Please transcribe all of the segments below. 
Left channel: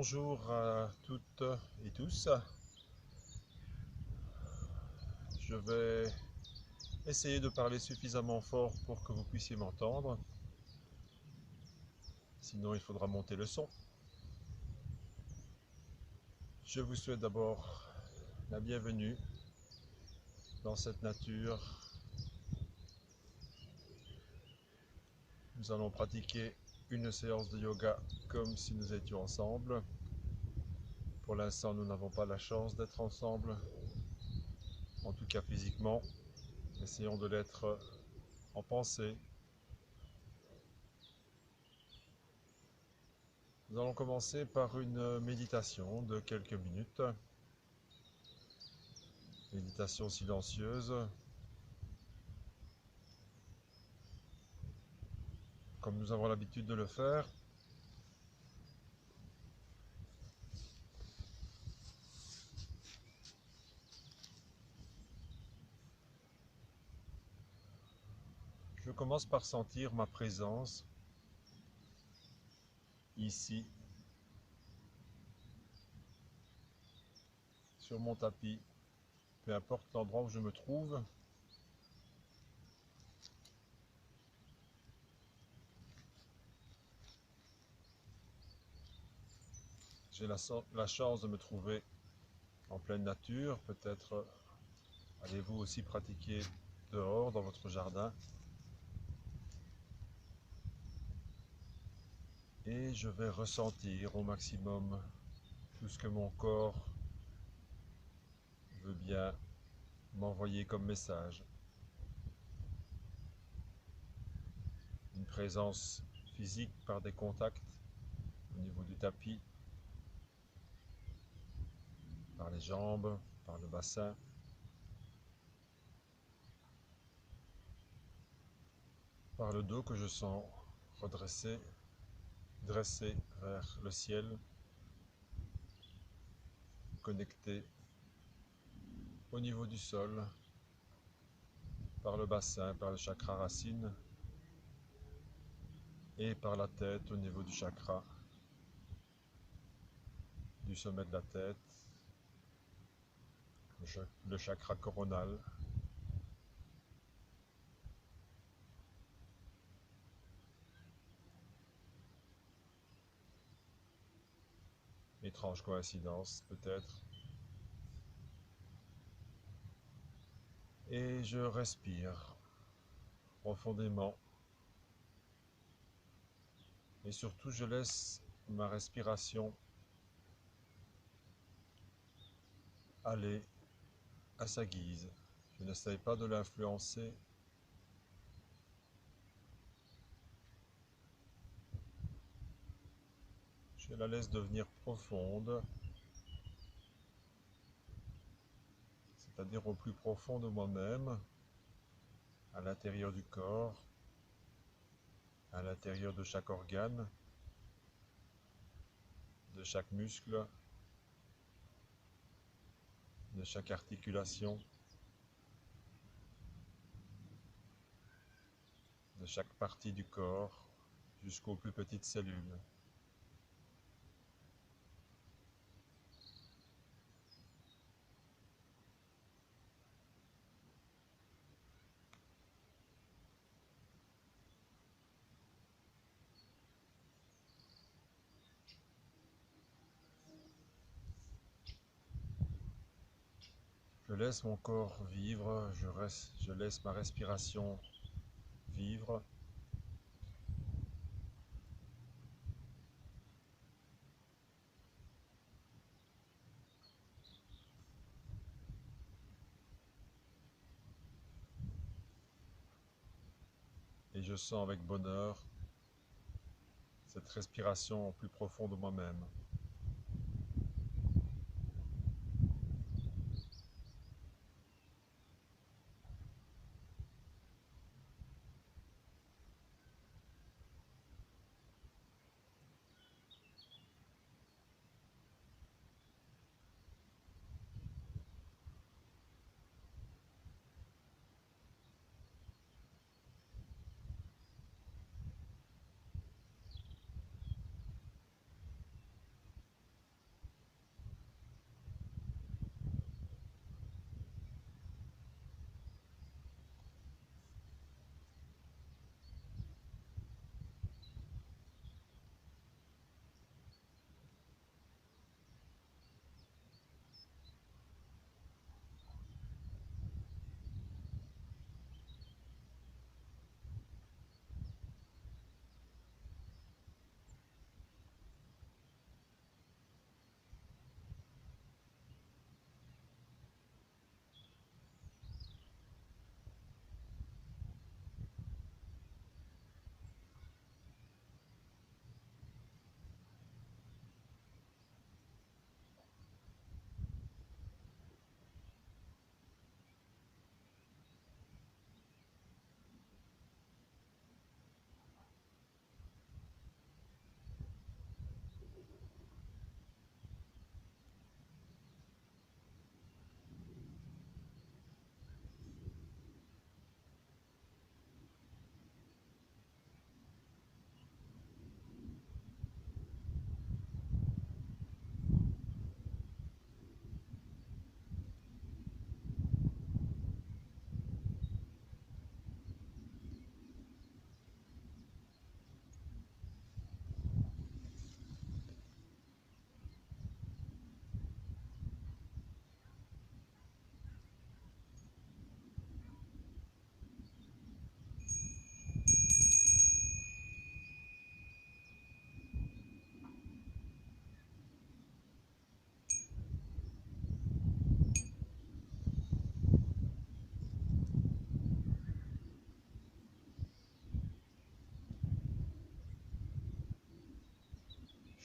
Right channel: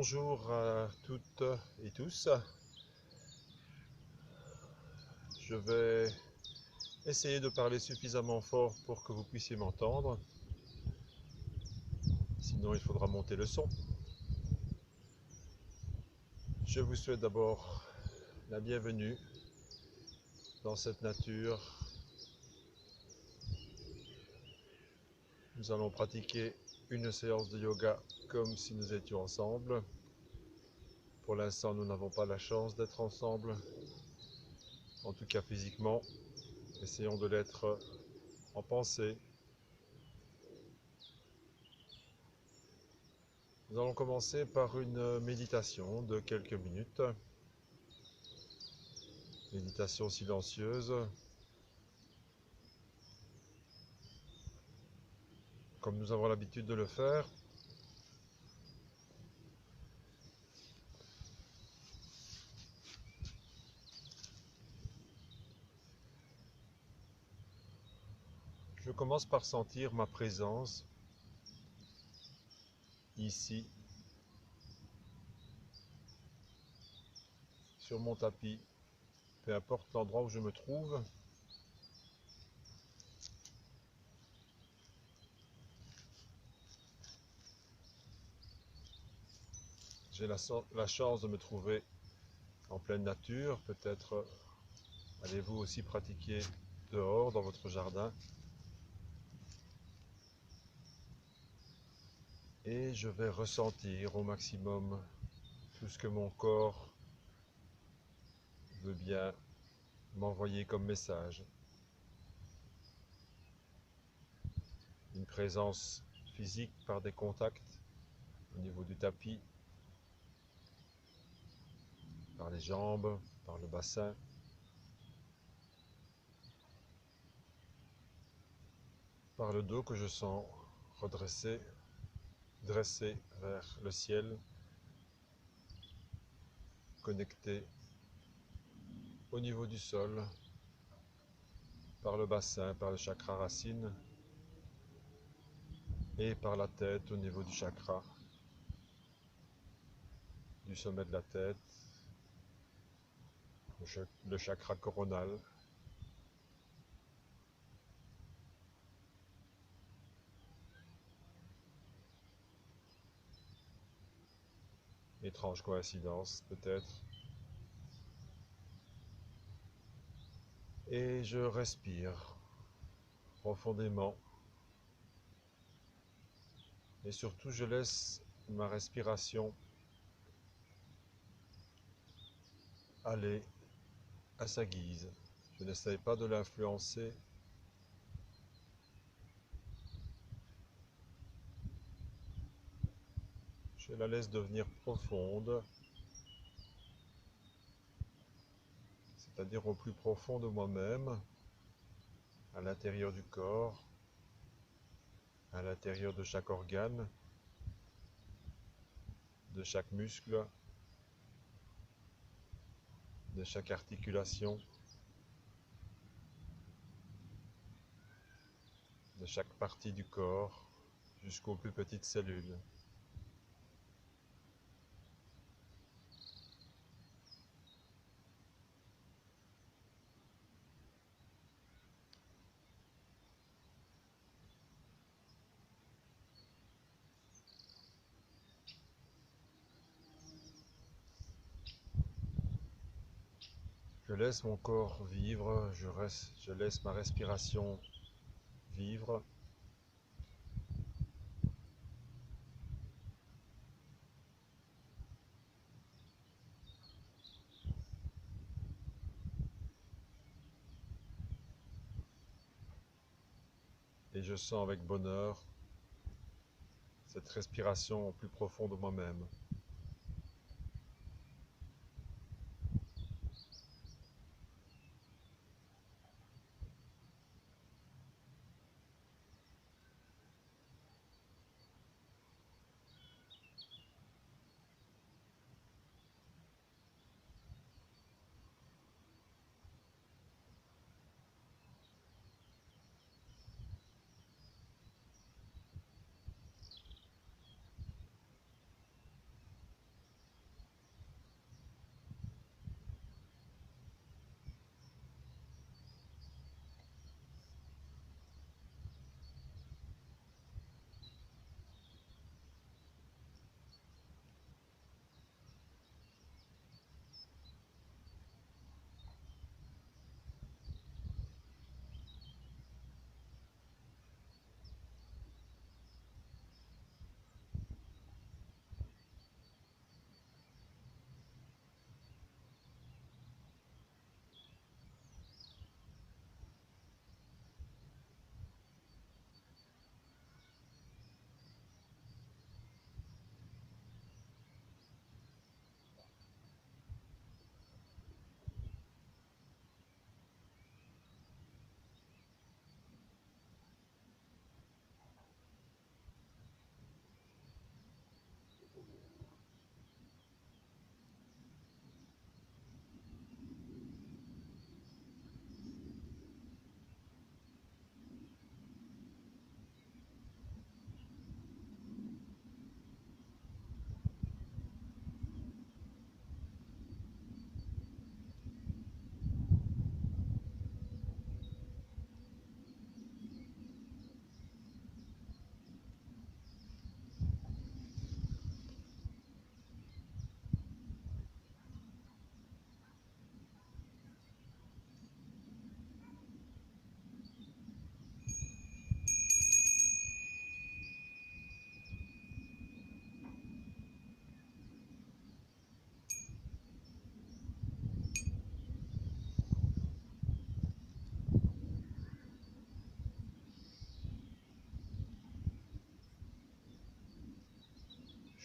Bonjour à toutes et tous. Je vais essayer de parler suffisamment fort pour que vous puissiez m'entendre. Sinon, il faudra monter le son. Je vous souhaite d'abord la bienvenue dans cette nature. Nous allons pratiquer une séance de yoga comme si nous étions ensemble. Pour l'instant, nous n'avons pas la chance d'être ensemble, en tout cas physiquement. Essayons de l'être en pensée. Nous allons commencer par une méditation de quelques minutes. Méditation silencieuse. Comme nous avons l'habitude de le faire. Je commence par sentir ma présence ici, sur mon tapis, peu importe l'endroit où je me trouve. J'ai la chance de me trouver en pleine nature. Peut-être allez-vous aussi pratiquer dehors, dans votre jardin. Et je vais ressentir au maximum tout ce que mon corps veut bien m'envoyer comme message. Une présence physique par des contacts au niveau du tapis, par les jambes, par le bassin. Par le dos que je sens redressé, dressé vers le ciel, connecté au niveau du sol, par le bassin, par le chakra racine, et par la tête au niveau du chakra, du sommet de la tête, le chakra coronal. Étrange coïncidence peut-être. Et je respire profondément. Et surtout, je laisse ma respiration aller à sa guise. Je n'essaye pas de l'influencer. Je la laisse devenir profonde, c'est-à-dire au plus profond de moi-même, à l'intérieur du corps, à l'intérieur de chaque organe, de chaque muscle, de chaque articulation, de chaque partie du corps, jusqu'aux plus petites cellules. Je laisse mon corps vivre, je laisse ma respiration vivre. Et je sens avec bonheur cette respiration au plus profond de moi-même.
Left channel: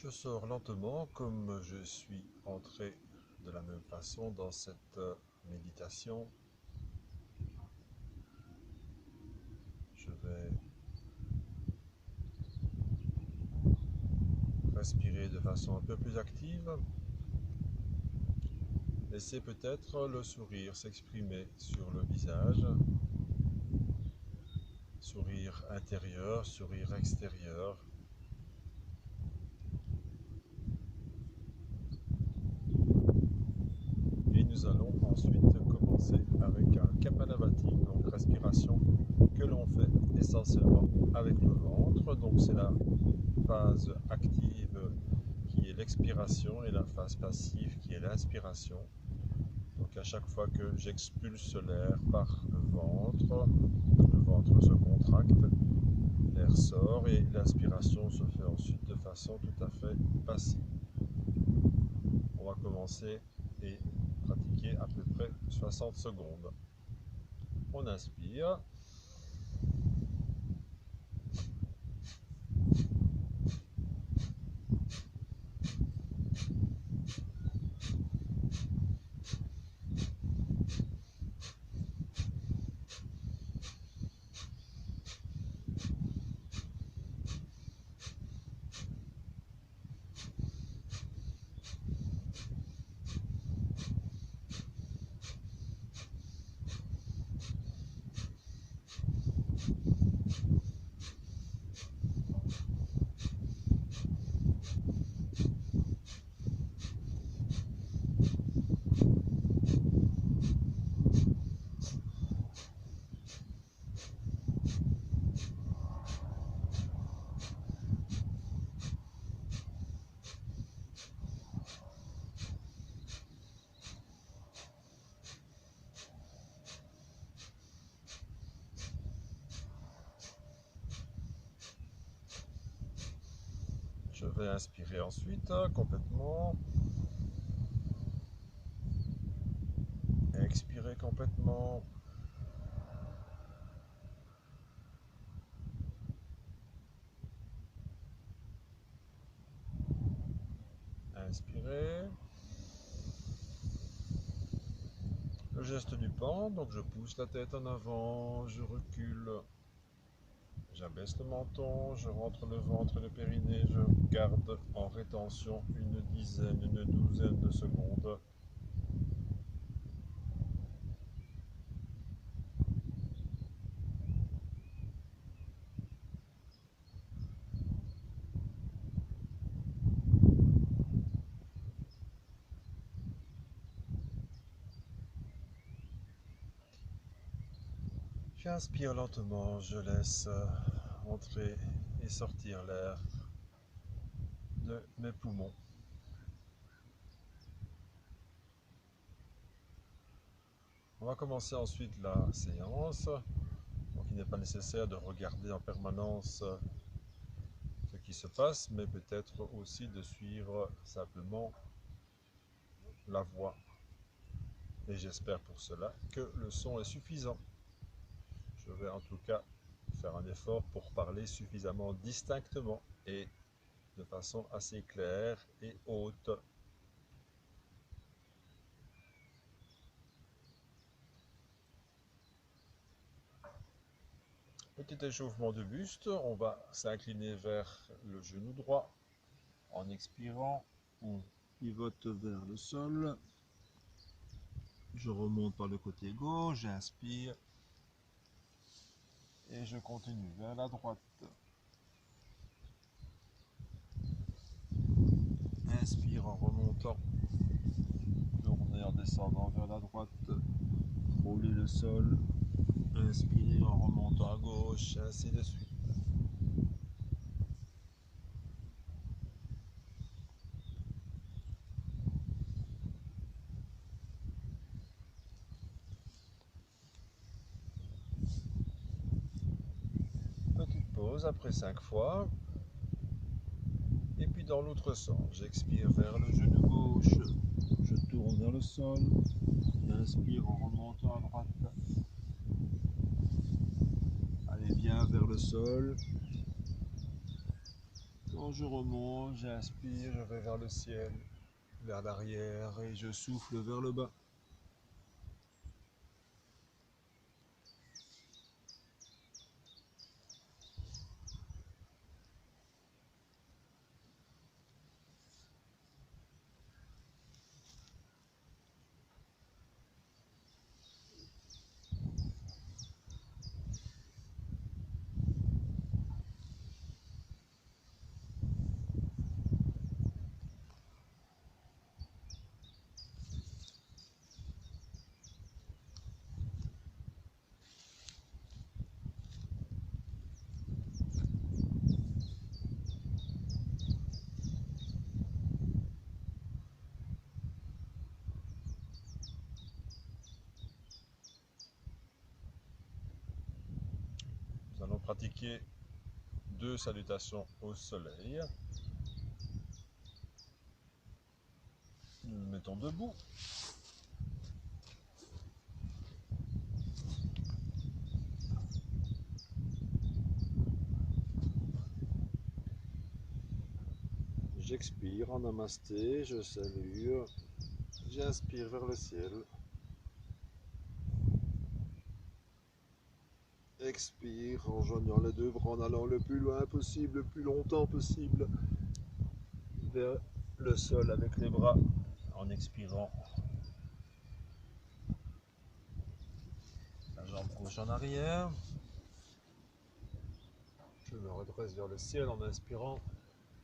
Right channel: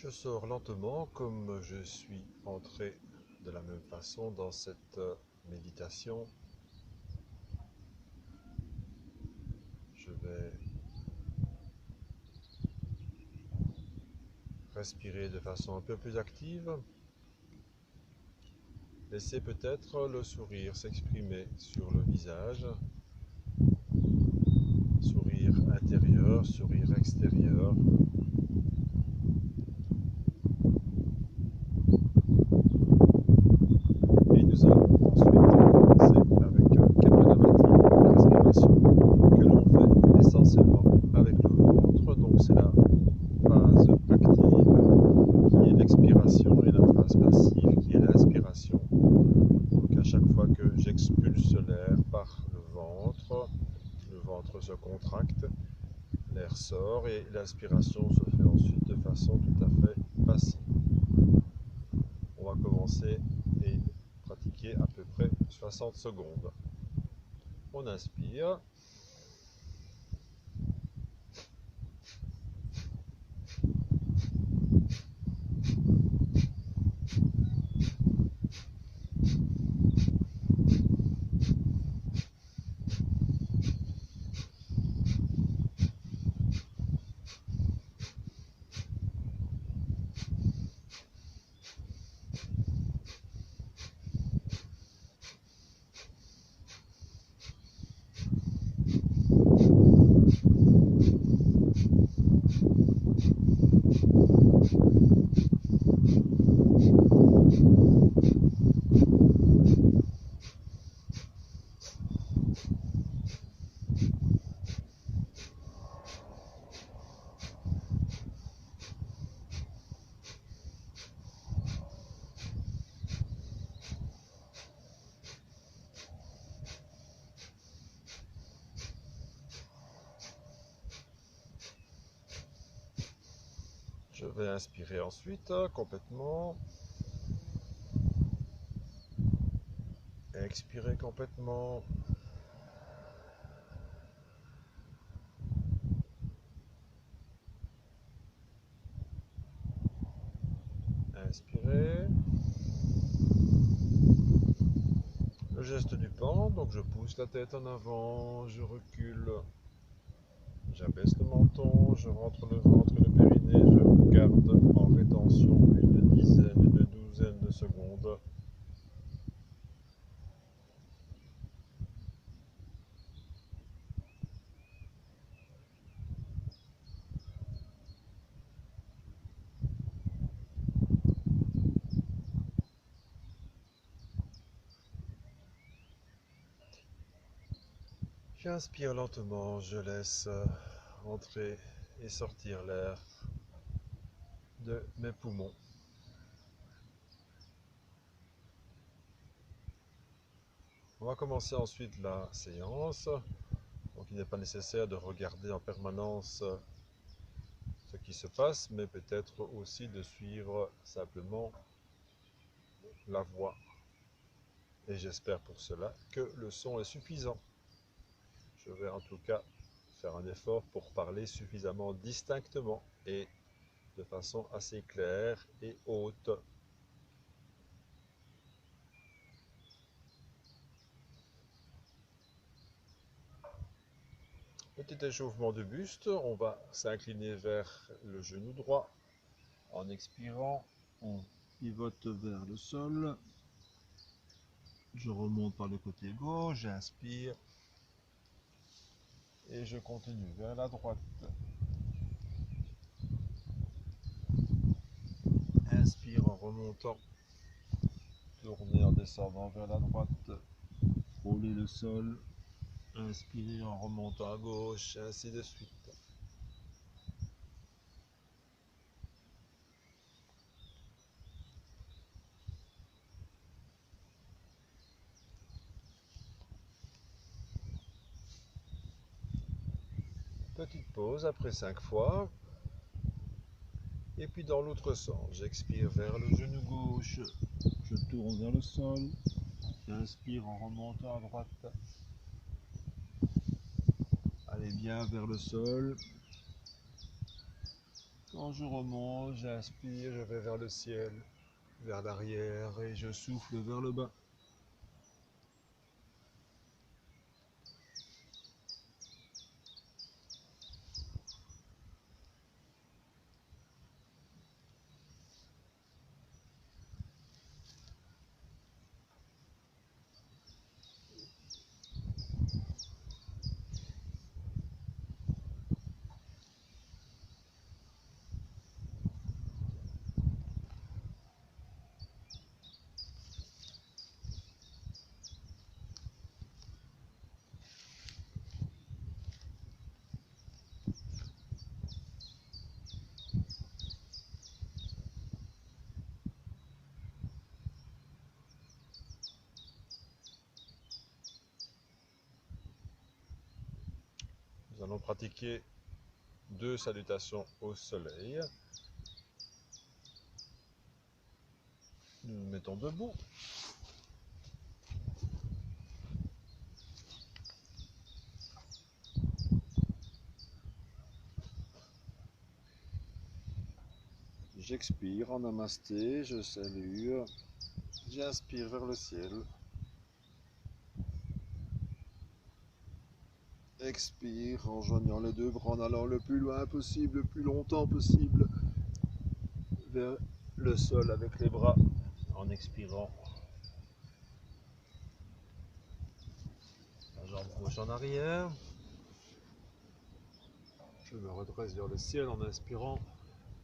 Je sors lentement comme je suis entré de la même façon dans cette méditation. Je vais respirer de façon un peu plus active. Laissez peut-être le sourire s'exprimer sur le visage. Sourire intérieur, sourire extérieur. Et nous allons ensuite commencer avec un Kapalabhati, une respiration que l'on fait essentiellement avec le ventre. Donc c'est la phase active qui est l'expiration et la phase passive qui est l'inspiration. Donc à chaque fois que j'expulse l'air par le ventre se contracte, l'air sort et l'inspiration se fait ensuite de façon tout à fait passive. On va commencer et pratiquer à peu près 60 secondes. On inspire. Je vais inspirer ensuite complètement. Expirer complètement. Inspirer. Le geste du pan, donc je pousse la tête en avant, je recule, j'abaisse le menton, je rentre le ventre et le périnée, je garde en rétention une dizaine, une douzaine de secondes. J'inspire lentement, je laisse entrer et sortir l'air de mes poumons. On va commencer ensuite la séance. Donc il n'est pas nécessaire de regarder en permanence ce qui se passe, mais peut-être aussi de suivre simplement la voix. Et j'espère pour cela que le son est suffisant. Je vais en tout cas faire un effort pour parler suffisamment distinctement et de façon assez claire et haute. Petit échauffement de buste, on va s'incliner vers le genou droit. En expirant, on pivote vers le sol. Je remonte par le côté gauche, j'inspire et je continue vers la droite. Inspire en remontant, tourner en descendant vers la droite, rouler le sol, inspirer en remontant à gauche, ainsi de suite. Petite pause après 5 fois. Et puis dans l'autre sens, j'expire vers le genou gauche, je tourne vers le sol, j'inspire en remontant à droite. Allez bien vers le sol. Quand je remonte, j'inspire, je vais vers le ciel, vers l'arrière et je souffle vers le bas. Nous allons pratiquer 2 salutations au soleil. Nous nous mettons debout. J'expire en namasté, je salue. J'inspire vers le ciel. Expire en joignant les 2 bras, en allant le plus loin possible, le plus longtemps possible vers le sol avec les bras, en expirant. La jambe gauche en arrière. Je me redresse vers le ciel en inspirant.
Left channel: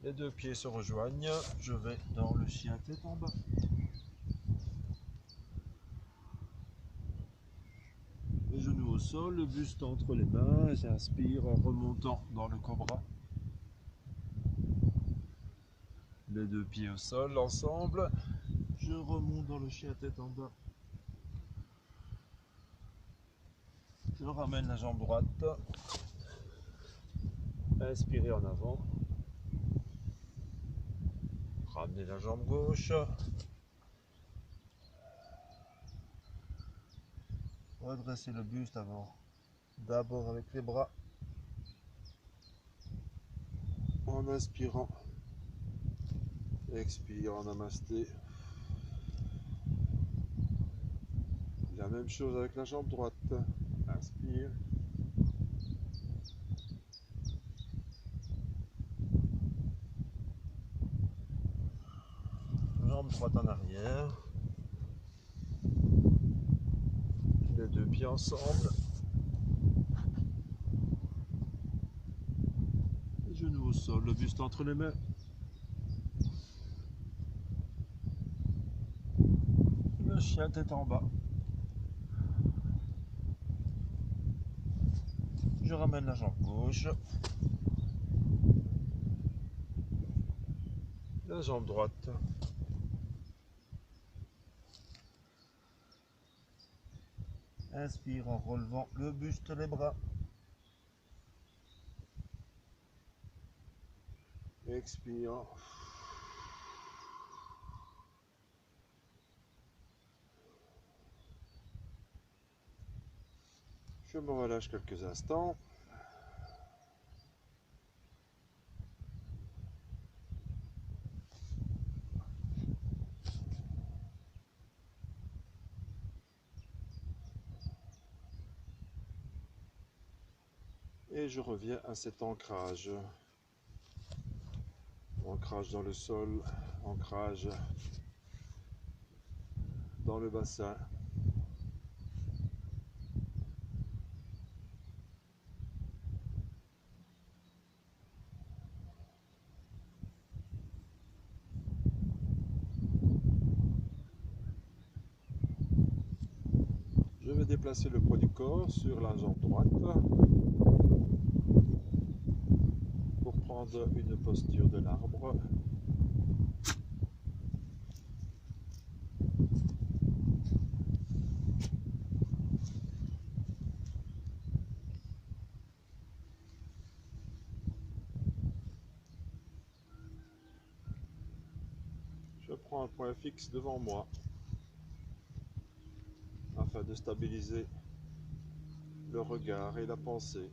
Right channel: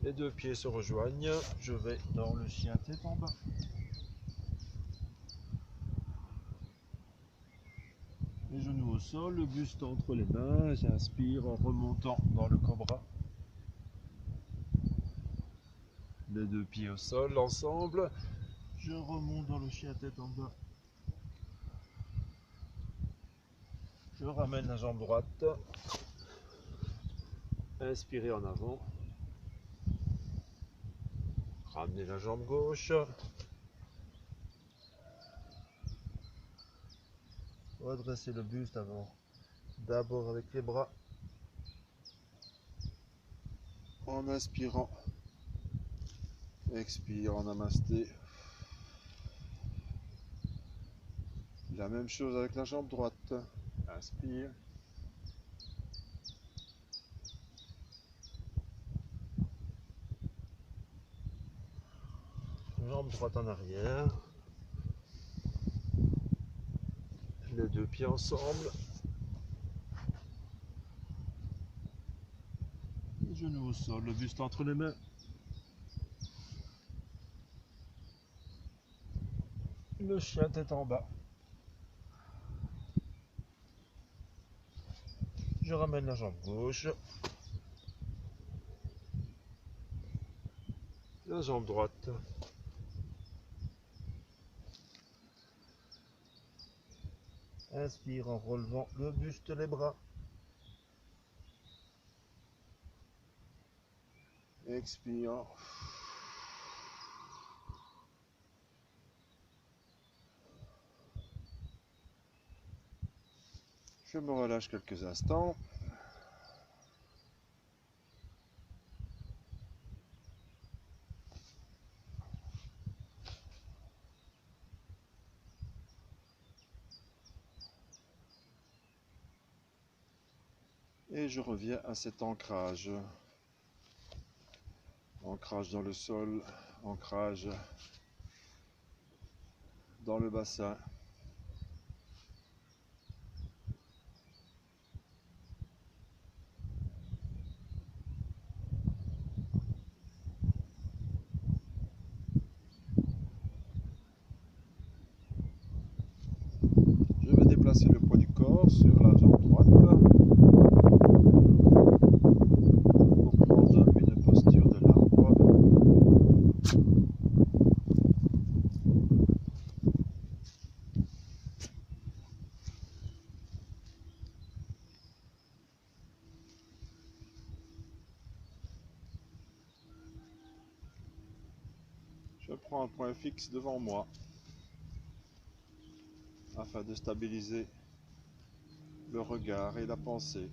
Les 2 pieds se rejoignent. Je vais dans le chien tête en bas. Les genoux au sol, le buste entre les mains. J'inspire en remontant dans le cobra. Les 2 pieds au sol ensemble. Je remonte dans le chien tête en bas. Je ramène la jambe droite. Inspirez en avant. Ramenez la jambe gauche. Redressez le buste avant. D'abord avec les bras. En inspirant. Expire en namasté. La même chose avec la jambe droite. Inspire. Jambe droite en arrière. Les 2 pieds ensemble. Les genoux au sol, le buste entre les mains. Le chien tête en bas. Je ramène la jambe gauche. La jambe droite. Inspire en relevant le buste, les bras. Expire. Je me relâche quelques instants. Et je reviens à cet ancrage. Ancrage dans le sol, ancrage dans le bassin. Je vais déplacer le poids du corps sur la jambe droite pour prendre une posture de l'arbre. Je prends un point fixe devant moi afin de stabiliser le regard et la pensée.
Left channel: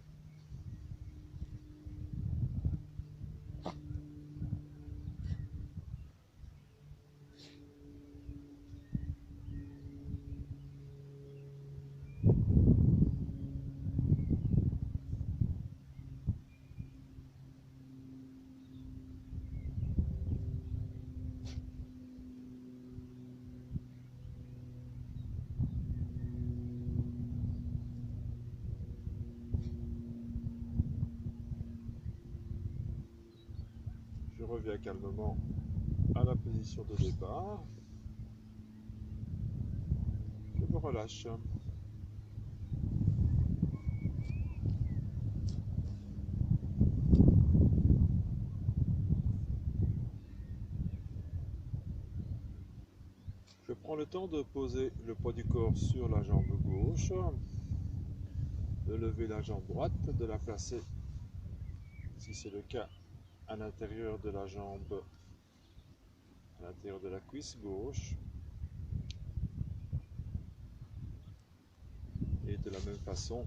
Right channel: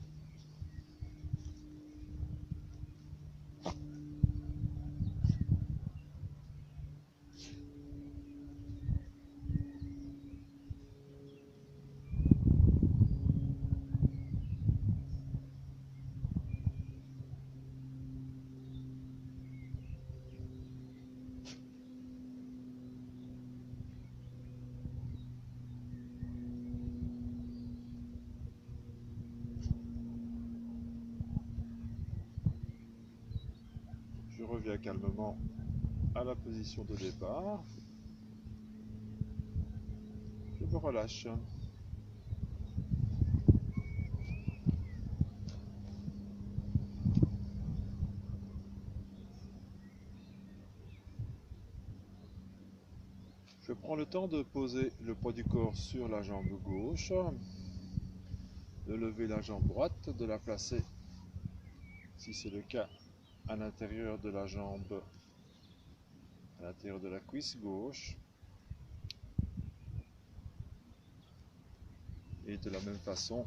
reviens calmement à la position de départ. Je me relâche. Je prends le temps de poser le poids du corps sur la jambe gauche, de lever la jambe droite, de la placer, si c'est le cas, à l'intérieur de la jambe, à l'intérieur de la cuisse gauche. Et de la même façon,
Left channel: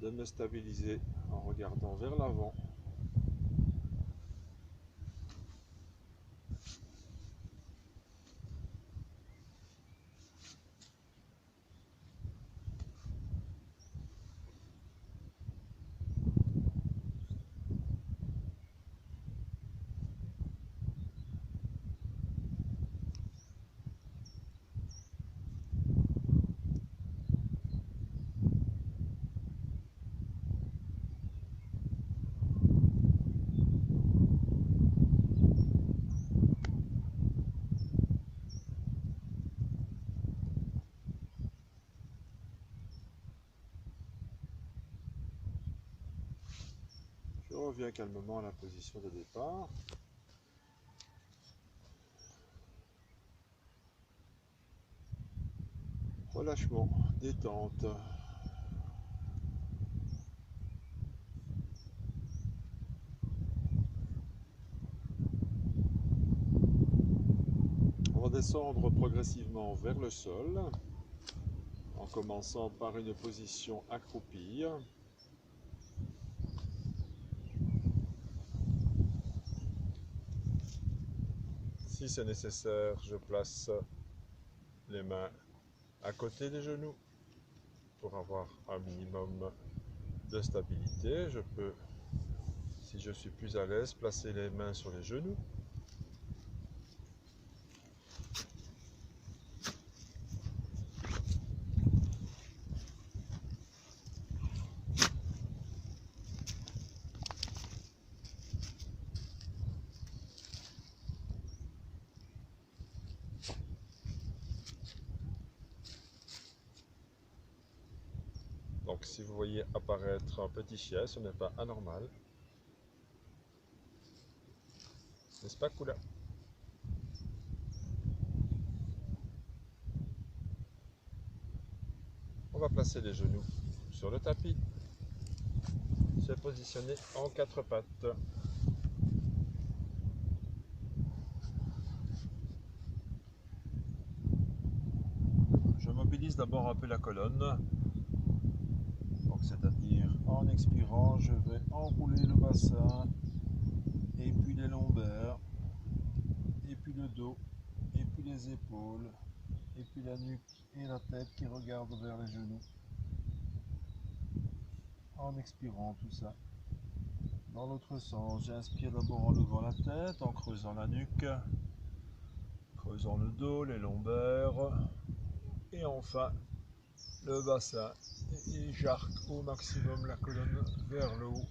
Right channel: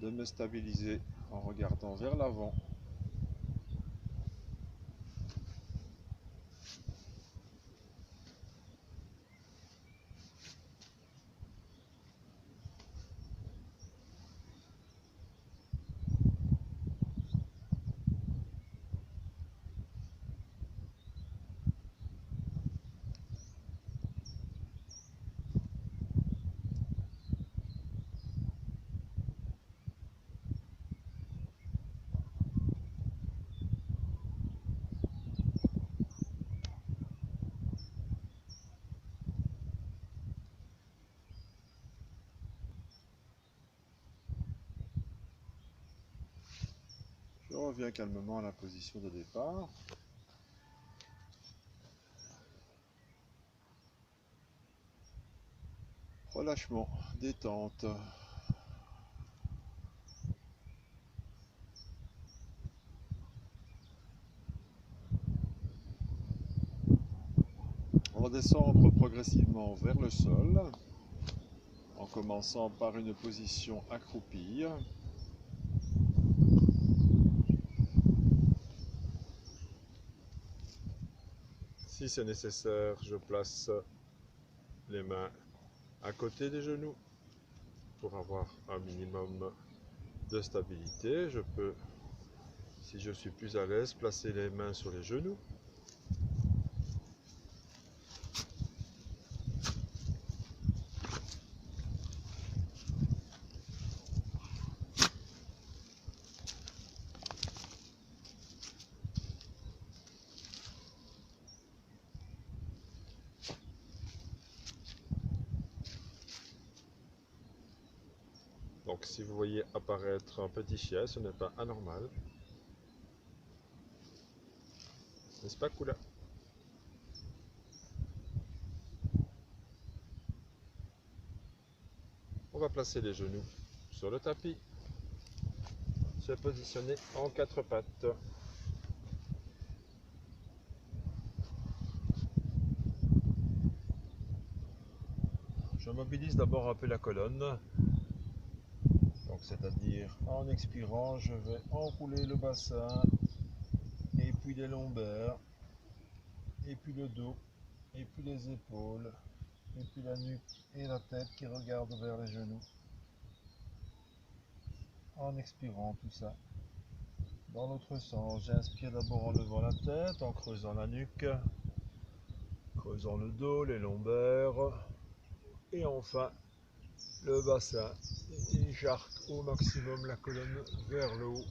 de me stabiliser en regardant vers l'avant. Je reviens calmement à la position de départ. Relâchement, détente. On va descendre progressivement vers le sol, en commençant par une position accroupie. Si c'est nécessaire, je place les mains à côté des genoux pour avoir un minimum de stabilité. Je peux, si je suis plus à l'aise, placer les mains sur les genoux. Donc si vous voyez apparaître un petit chien, ce n'est pas anormal. N'est-ce pas, Kula? On va placer les genoux sur le tapis, se positionner en quatre pattes. Je mobilise d'abord un peu la colonne. Donc c'est-à-dire en expirant, je vais enrouler le bassin, et puis les lombaires, et puis le dos, et puis les épaules, et puis la nuque et la tête qui regardent vers les genoux. En expirant tout ça. Dans l'autre sens, j'inspire d'abord en levant la tête, en creusant la nuque, creusant le dos, les lombaires, et enfin le bassin. Et j'arque au maximum la colonne vers le haut.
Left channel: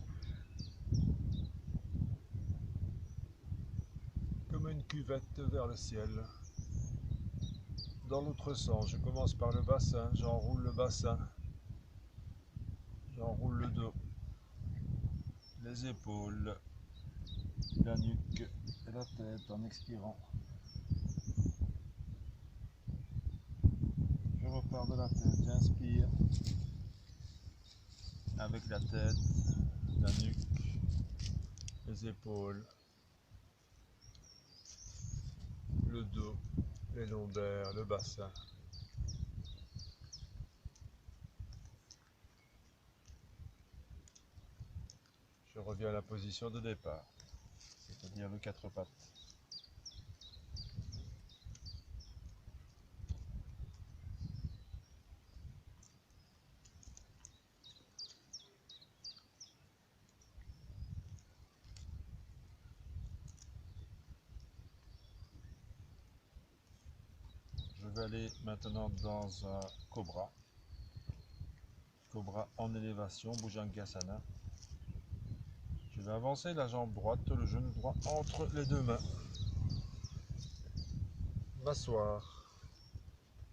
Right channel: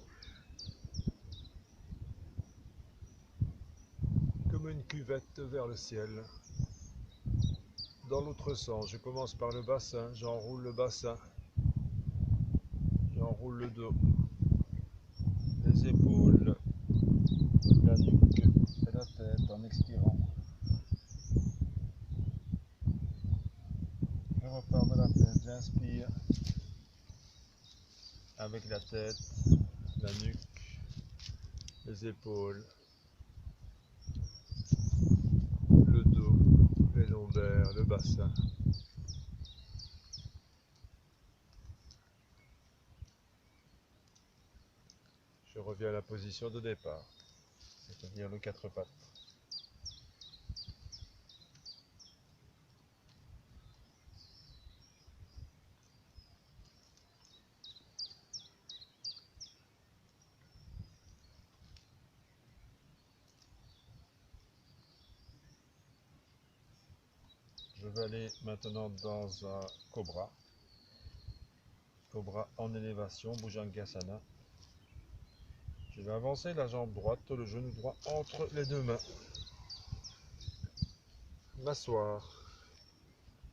Comme une cuvette vers le ciel. Dans l'autre sens, je commence par le bassin, j'enroule le bassin, j'enroule le dos, les épaules, la nuque et la tête en expirant. Je repars de la tête, j'inspire avec la tête, la nuque, les épaules, le dos, les lombaires, le bassin. Je reviens à la position de départ, c'est-à-dire le quatre pattes. Je vais aller maintenant dans un cobra. Cobra en élévation, Bhujangasana. Je vais avancer la jambe droite, le genou droit entre les deux mains. M'asseoir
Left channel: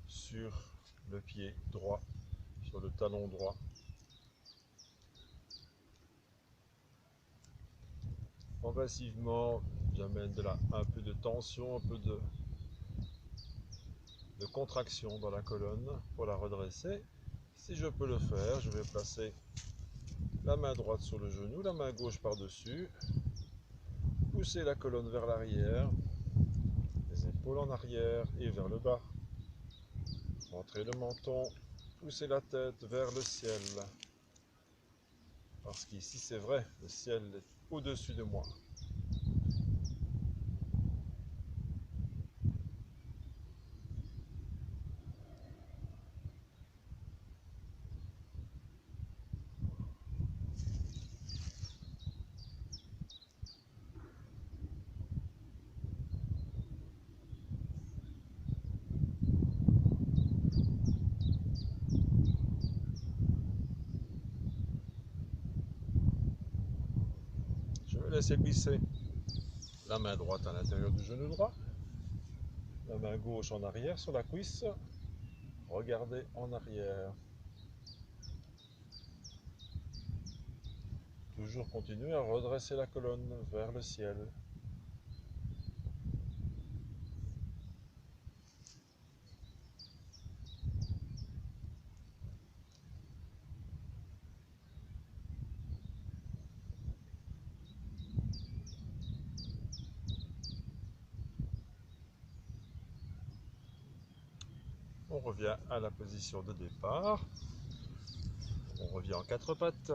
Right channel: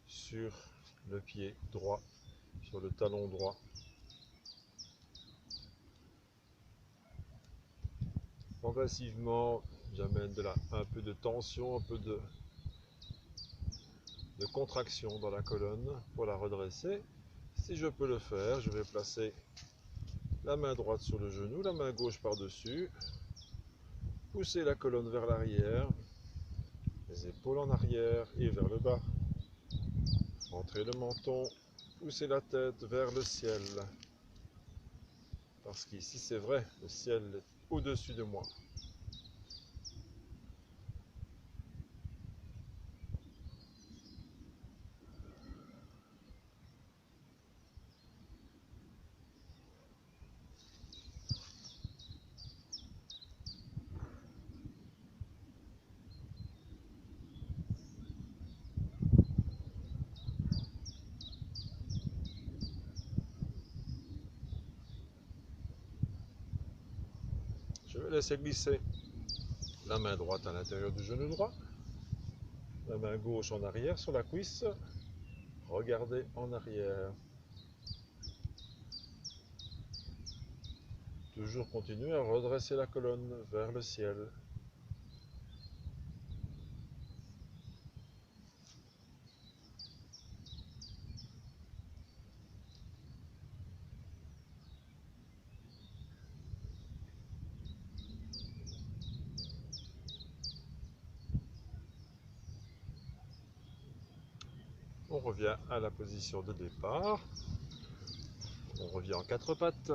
sur le pied droit, sur le talon droit. Progressivement, j'amène un peu de tension, un peu de contraction dans la colonne pour la redresser. Si je peux le faire, je vais placer la main droite sur le genou, la main gauche par-dessus, pousser la colonne vers l'arrière, les épaules en arrière et vers le bas. Rentrer le menton, pousser la tête vers le ciel. Parce qu'ici, c'est vrai, le ciel est au-dessus de moi. Je vais laisser glisser la main droite à l'intérieur du genou droit, la main gauche en arrière sur la cuisse. Regardez en arrière. Toujours continuer à redresser la colonne vers le ciel. On revient à la position de départ. On revient en quatre pattes.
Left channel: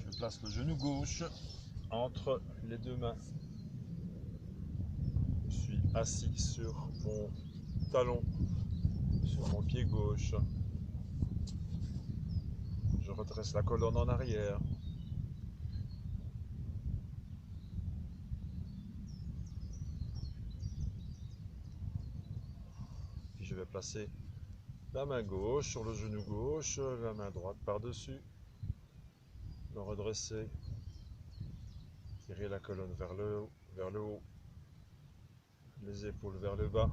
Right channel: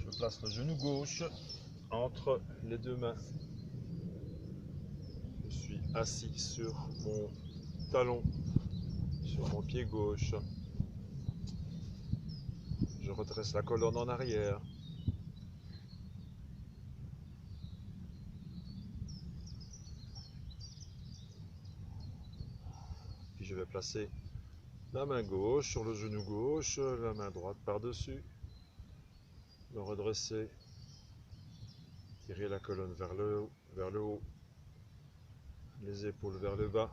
Je place le genou gauche entre les deux mains. Je suis assis sur mon talon, sur mon pied gauche. Je redresse la colonne en arrière. Puis je vais placer la main gauche sur le genou gauche, la main droite par-dessus. Me redresser. Tirer la colonne vers le haut. Les épaules vers le bas.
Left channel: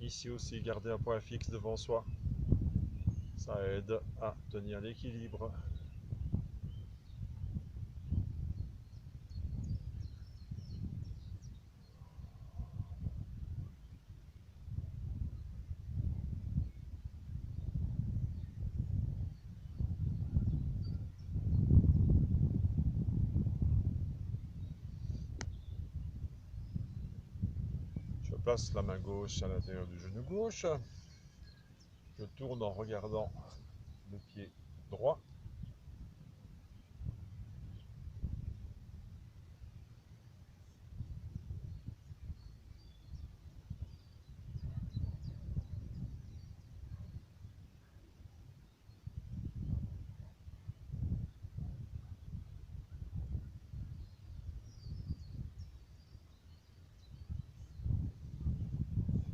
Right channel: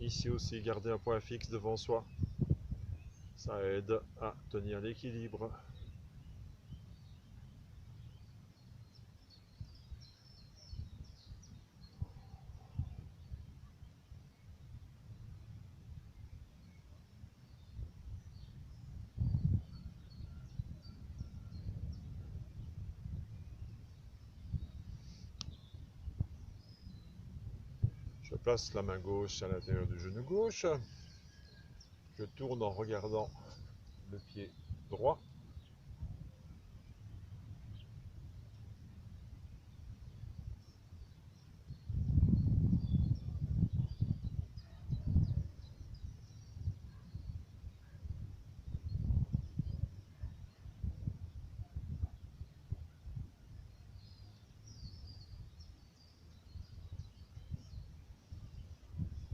Ici aussi, garder un point fixe devant soi. Ça aide à tenir l'équilibre. Je place la main gauche à l'intérieur du genou gauche. Je tourne en regardant le pied droit.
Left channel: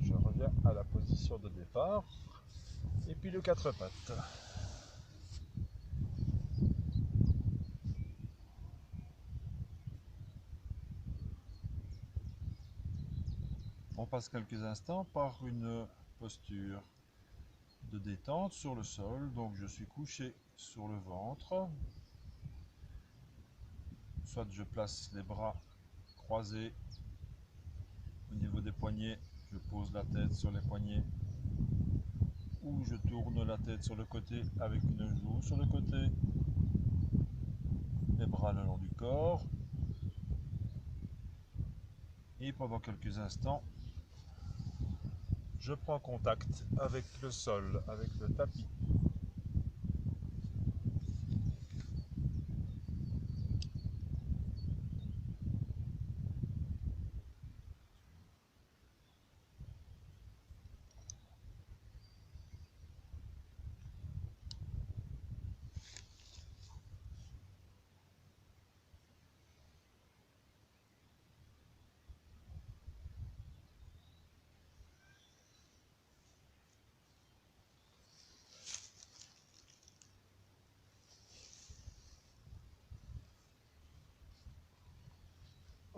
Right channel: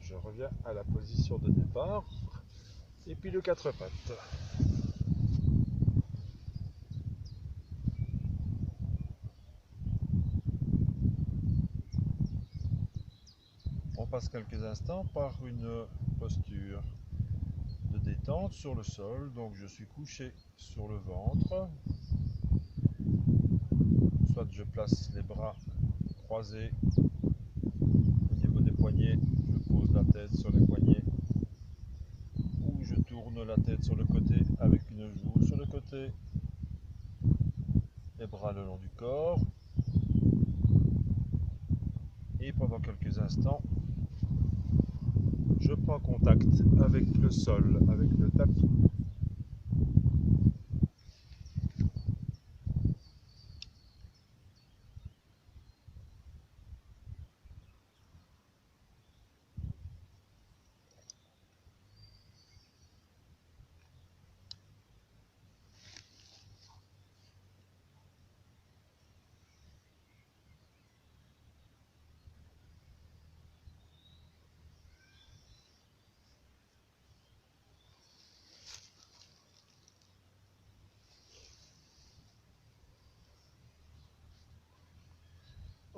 Je reviens à la position de départ. Et puis le quatre pattes. On passe quelques instants par une posture de détente sur le sol. Donc je suis couché sur le ventre. Soit je place les bras croisés au niveau des poignets, je pose la tête sur les poignets. Ou je tourne la tête sur le côté avec une joue sur le côté. Les bras le long du corps. Et pendant quelques instants, je prends contact avec le sol, avec le tapis.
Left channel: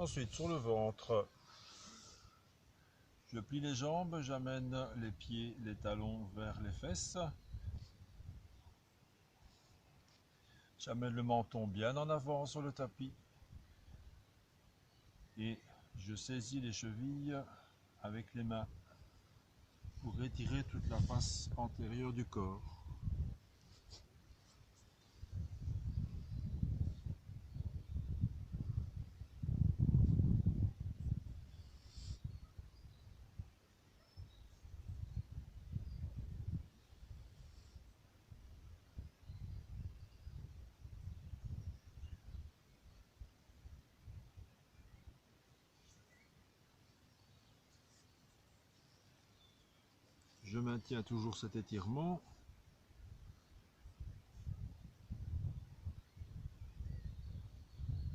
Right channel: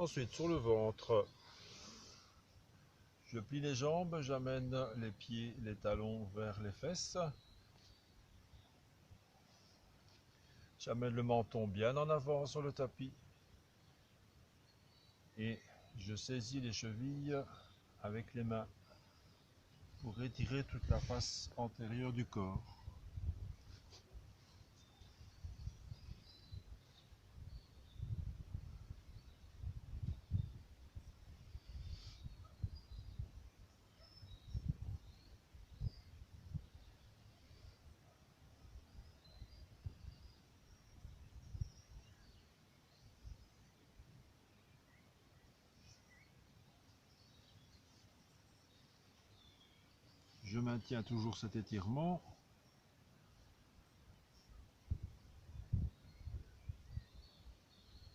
Ensuite, sur le ventre, je plie les jambes, j'amène les pieds, les talons vers les fesses. J'amène le menton bien en avant sur le tapis. Et je saisis les chevilles avec les mains pour étirer toute la face antérieure du corps. Je maintiens toujours cet étirement.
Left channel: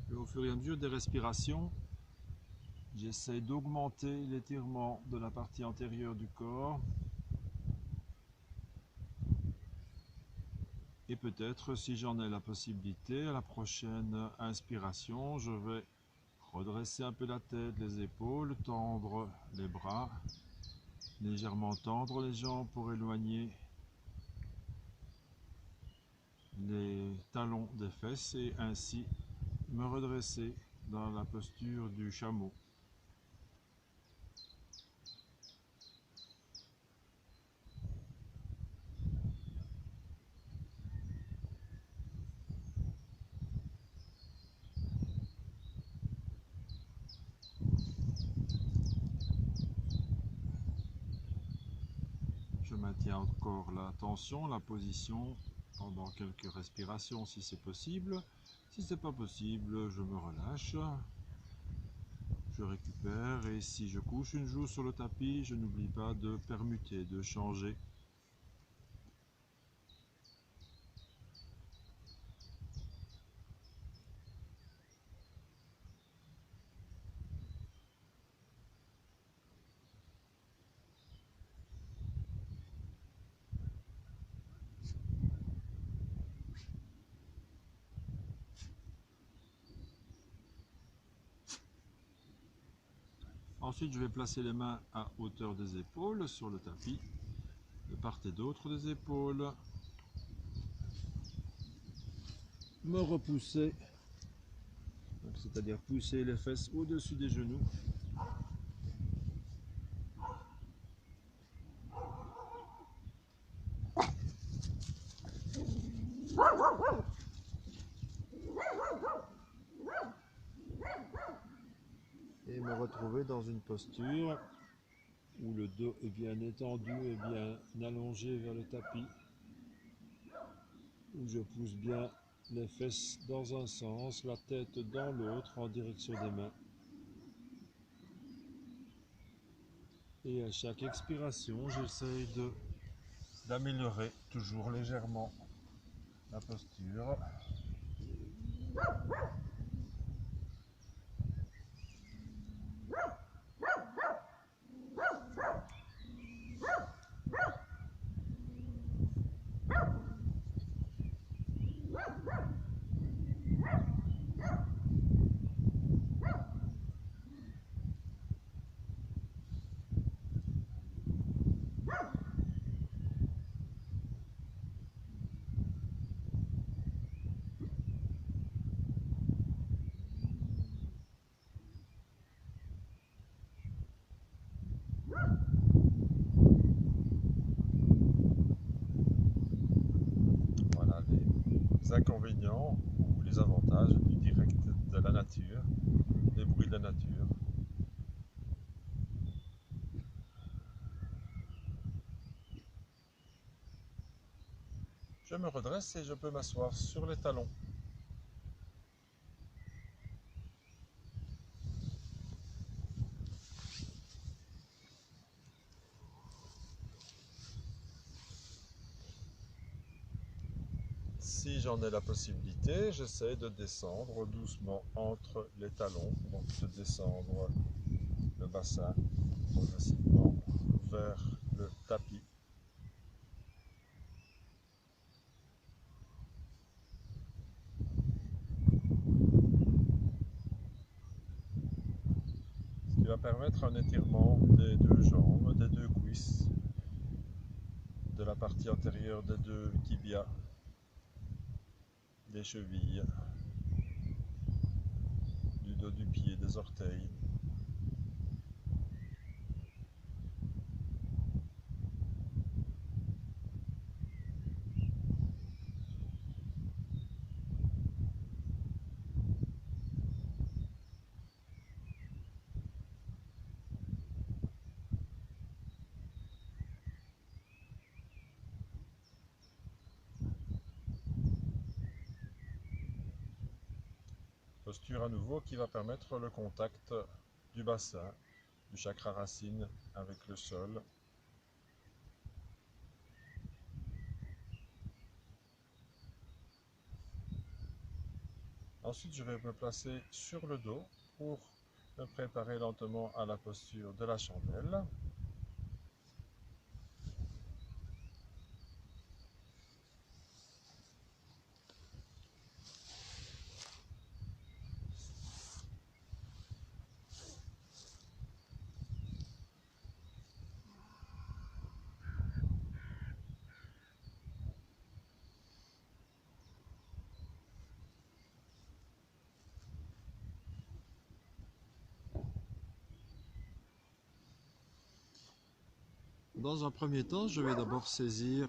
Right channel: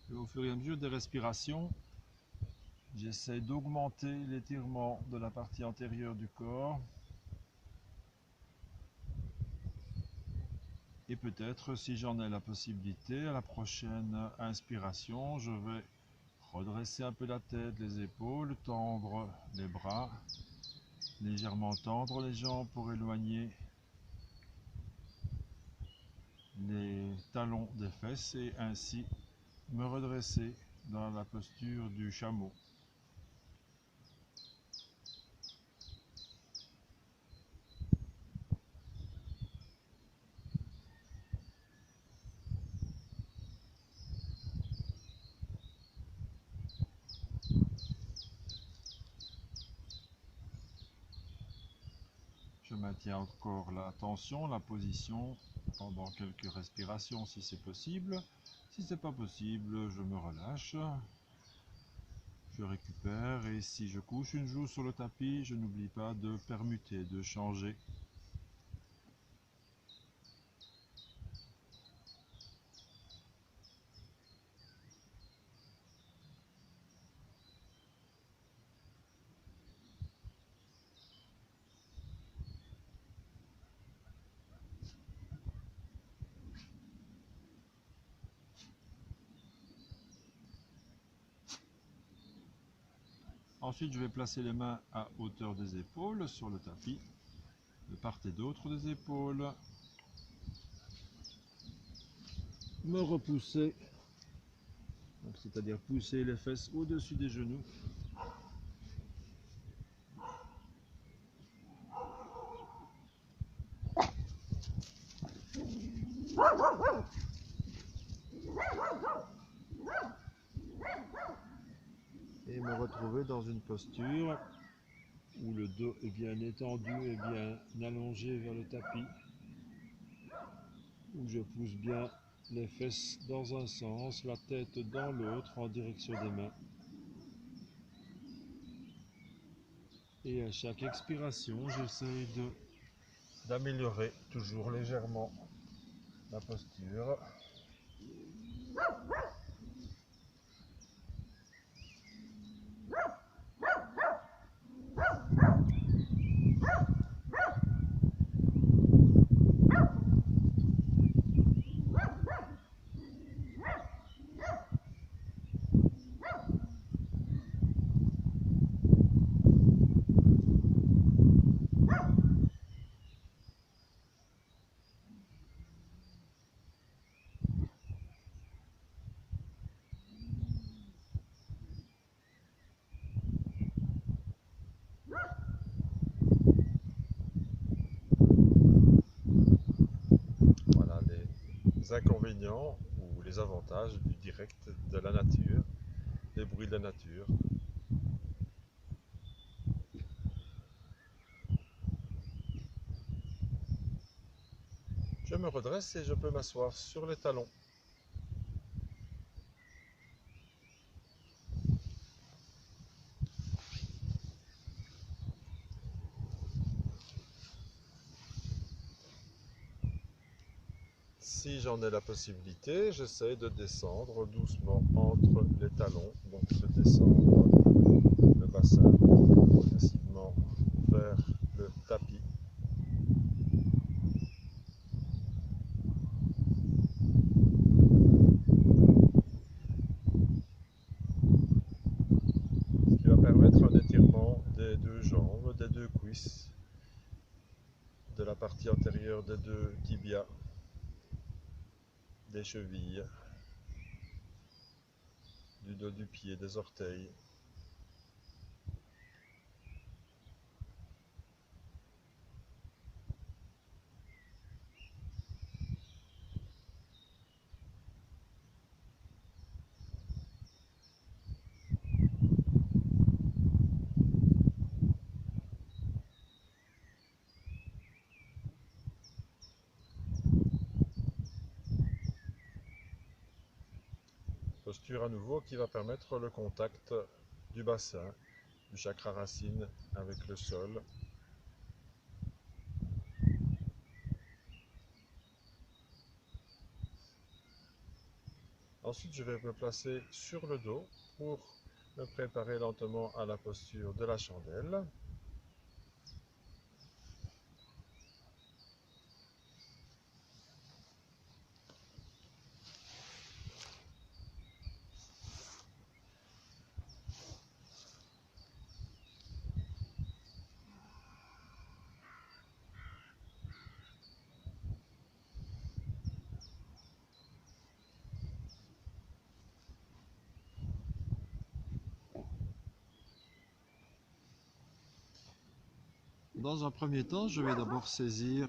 Et au fur et à mesure des respirations, j'essaie d'augmenter l'étirement de la partie antérieure du corps. Et peut-être, si j'en ai la possibilité, à la prochaine inspiration, je vais redresser un peu la tête, les épaules, tendre les bras, légèrement tendre les jambes pour éloigner les talons des fesses et ainsi me redresser dans la posture du chameau. Je maintiens encore la tension, la position pendant quelques respirations si c'est possible. Si c'est pas possible, je me relâche, je récupère et si je couche une joue sur le tapis, je n'oublie pas de permuter, de changer. Ensuite, je vais placer les mains à hauteur des épaules sur le tapis, de part et d'autre des épaules. Me repousser, c'est-à-dire pousser les fesses au-dessus des genoux. Et me retrouver dans une posture où le dos est bien étendu et bien allongé vers le tapis, où je pousse bien les fesses dans un sens, la tête dans l'autre en direction des mains. Et à chaque expiration, j'essaie d'améliorer toujours légèrement la posture. Voilà les inconvénients ou les avantages du direct de la nature, les bruits de la nature. Je me redresse et je peux m'asseoir sur les talons. Si j'en ai la possibilité, j'essaie de descendre doucement entre les talons, donc de descendre le bassin progressivement vers le tapis. permettre un étirement des deux jambes, des deux cuisses, de la partie antérieure des deux tibias, des chevilles, du dos du pied, des orteils. Posture à nouveau qui va permettre le contact du bassin, du chakra racine avec le sol. Ensuite, je vais me placer sur le dos pour me préparer lentement à la posture de la chandelle. Dans un premier temps, je vais d'abord saisir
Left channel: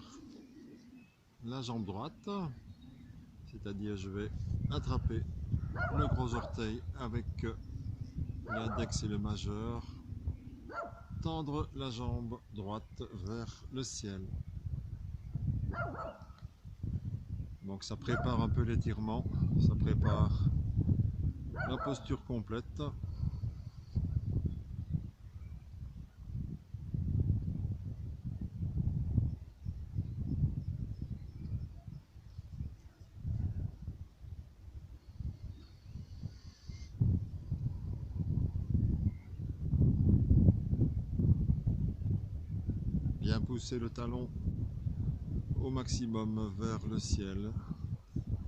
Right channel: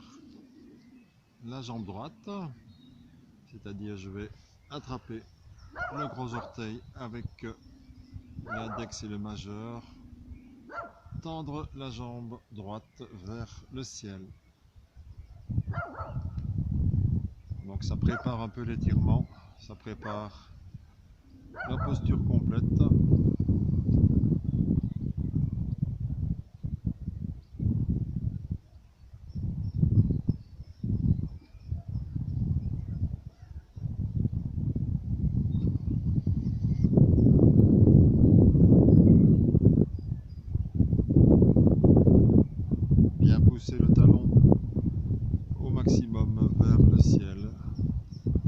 la jambe droite, c'est-à-dire je vais attraper le gros orteil avec l'index et le majeur, tendre la jambe droite vers le ciel. Donc ça prépare un peu l'étirement, ça prépare la posture complète. Bien pousser le talon au maximum vers le ciel.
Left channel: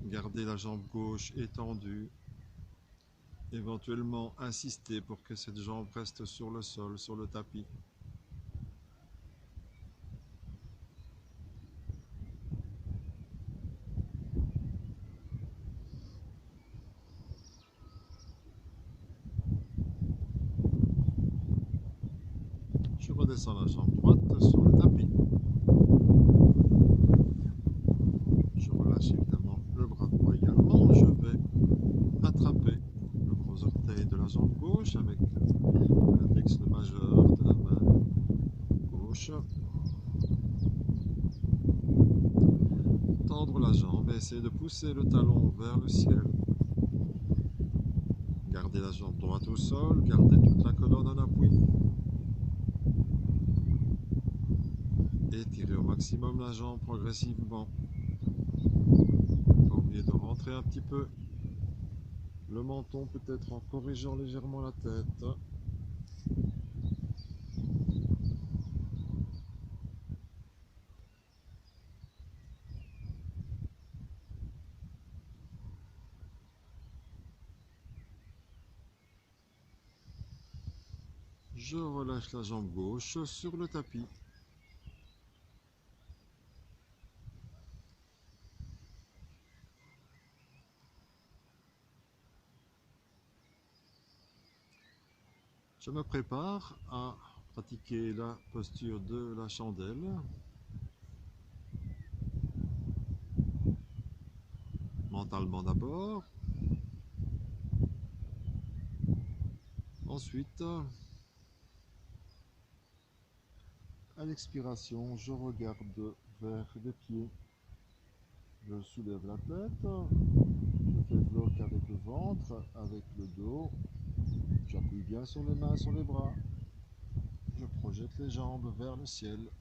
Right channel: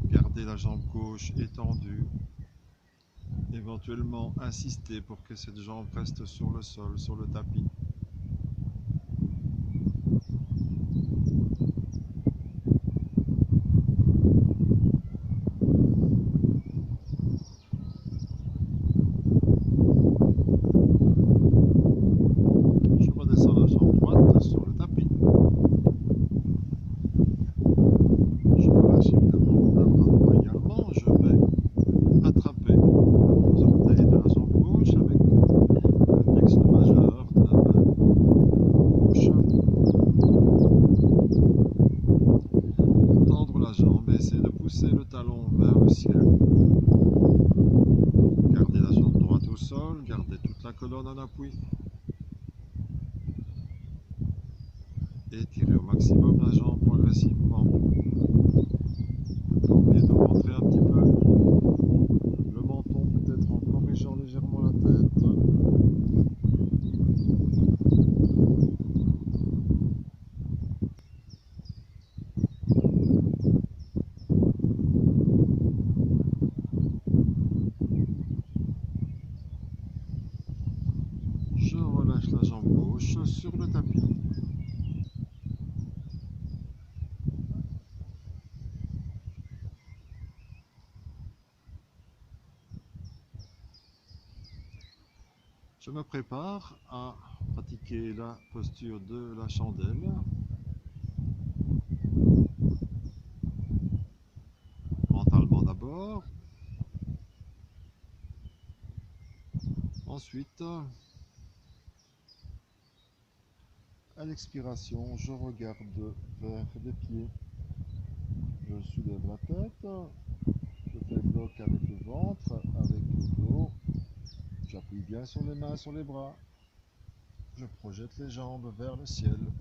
Garder la jambe gauche étendue. Éventuellement insister pour que cette jambe reste sur le sol, sur le tapis. Je redescends la jambe droite sur le tapis. Je relâche évidemment le bras droit également. Je vais attraper les orteils de la jambe gauche avec l'index le majeur de la main gauche. Tendre la jambe et essayer de pousser le talon vers le ciel. Garder la jambe droite au sol, garder toute la colonne en appui. Étirer au maximum la jambe progressivement. Oublier de rentrer un petit peu le menton, peut-être en corrigeant légèrement la tête. Je relâche la jambe gauche sur le tapis. Je me prépare à pratiquer la posture de la chandelle. Mentalement d'abord. Ensuite, à l'expiration, je regarde vers les pieds. Je soulève la tête. Je développe avec le ventre, avec le dos. J'appuie bien sur les mains, sur les bras. Je projette les jambes vers le ciel.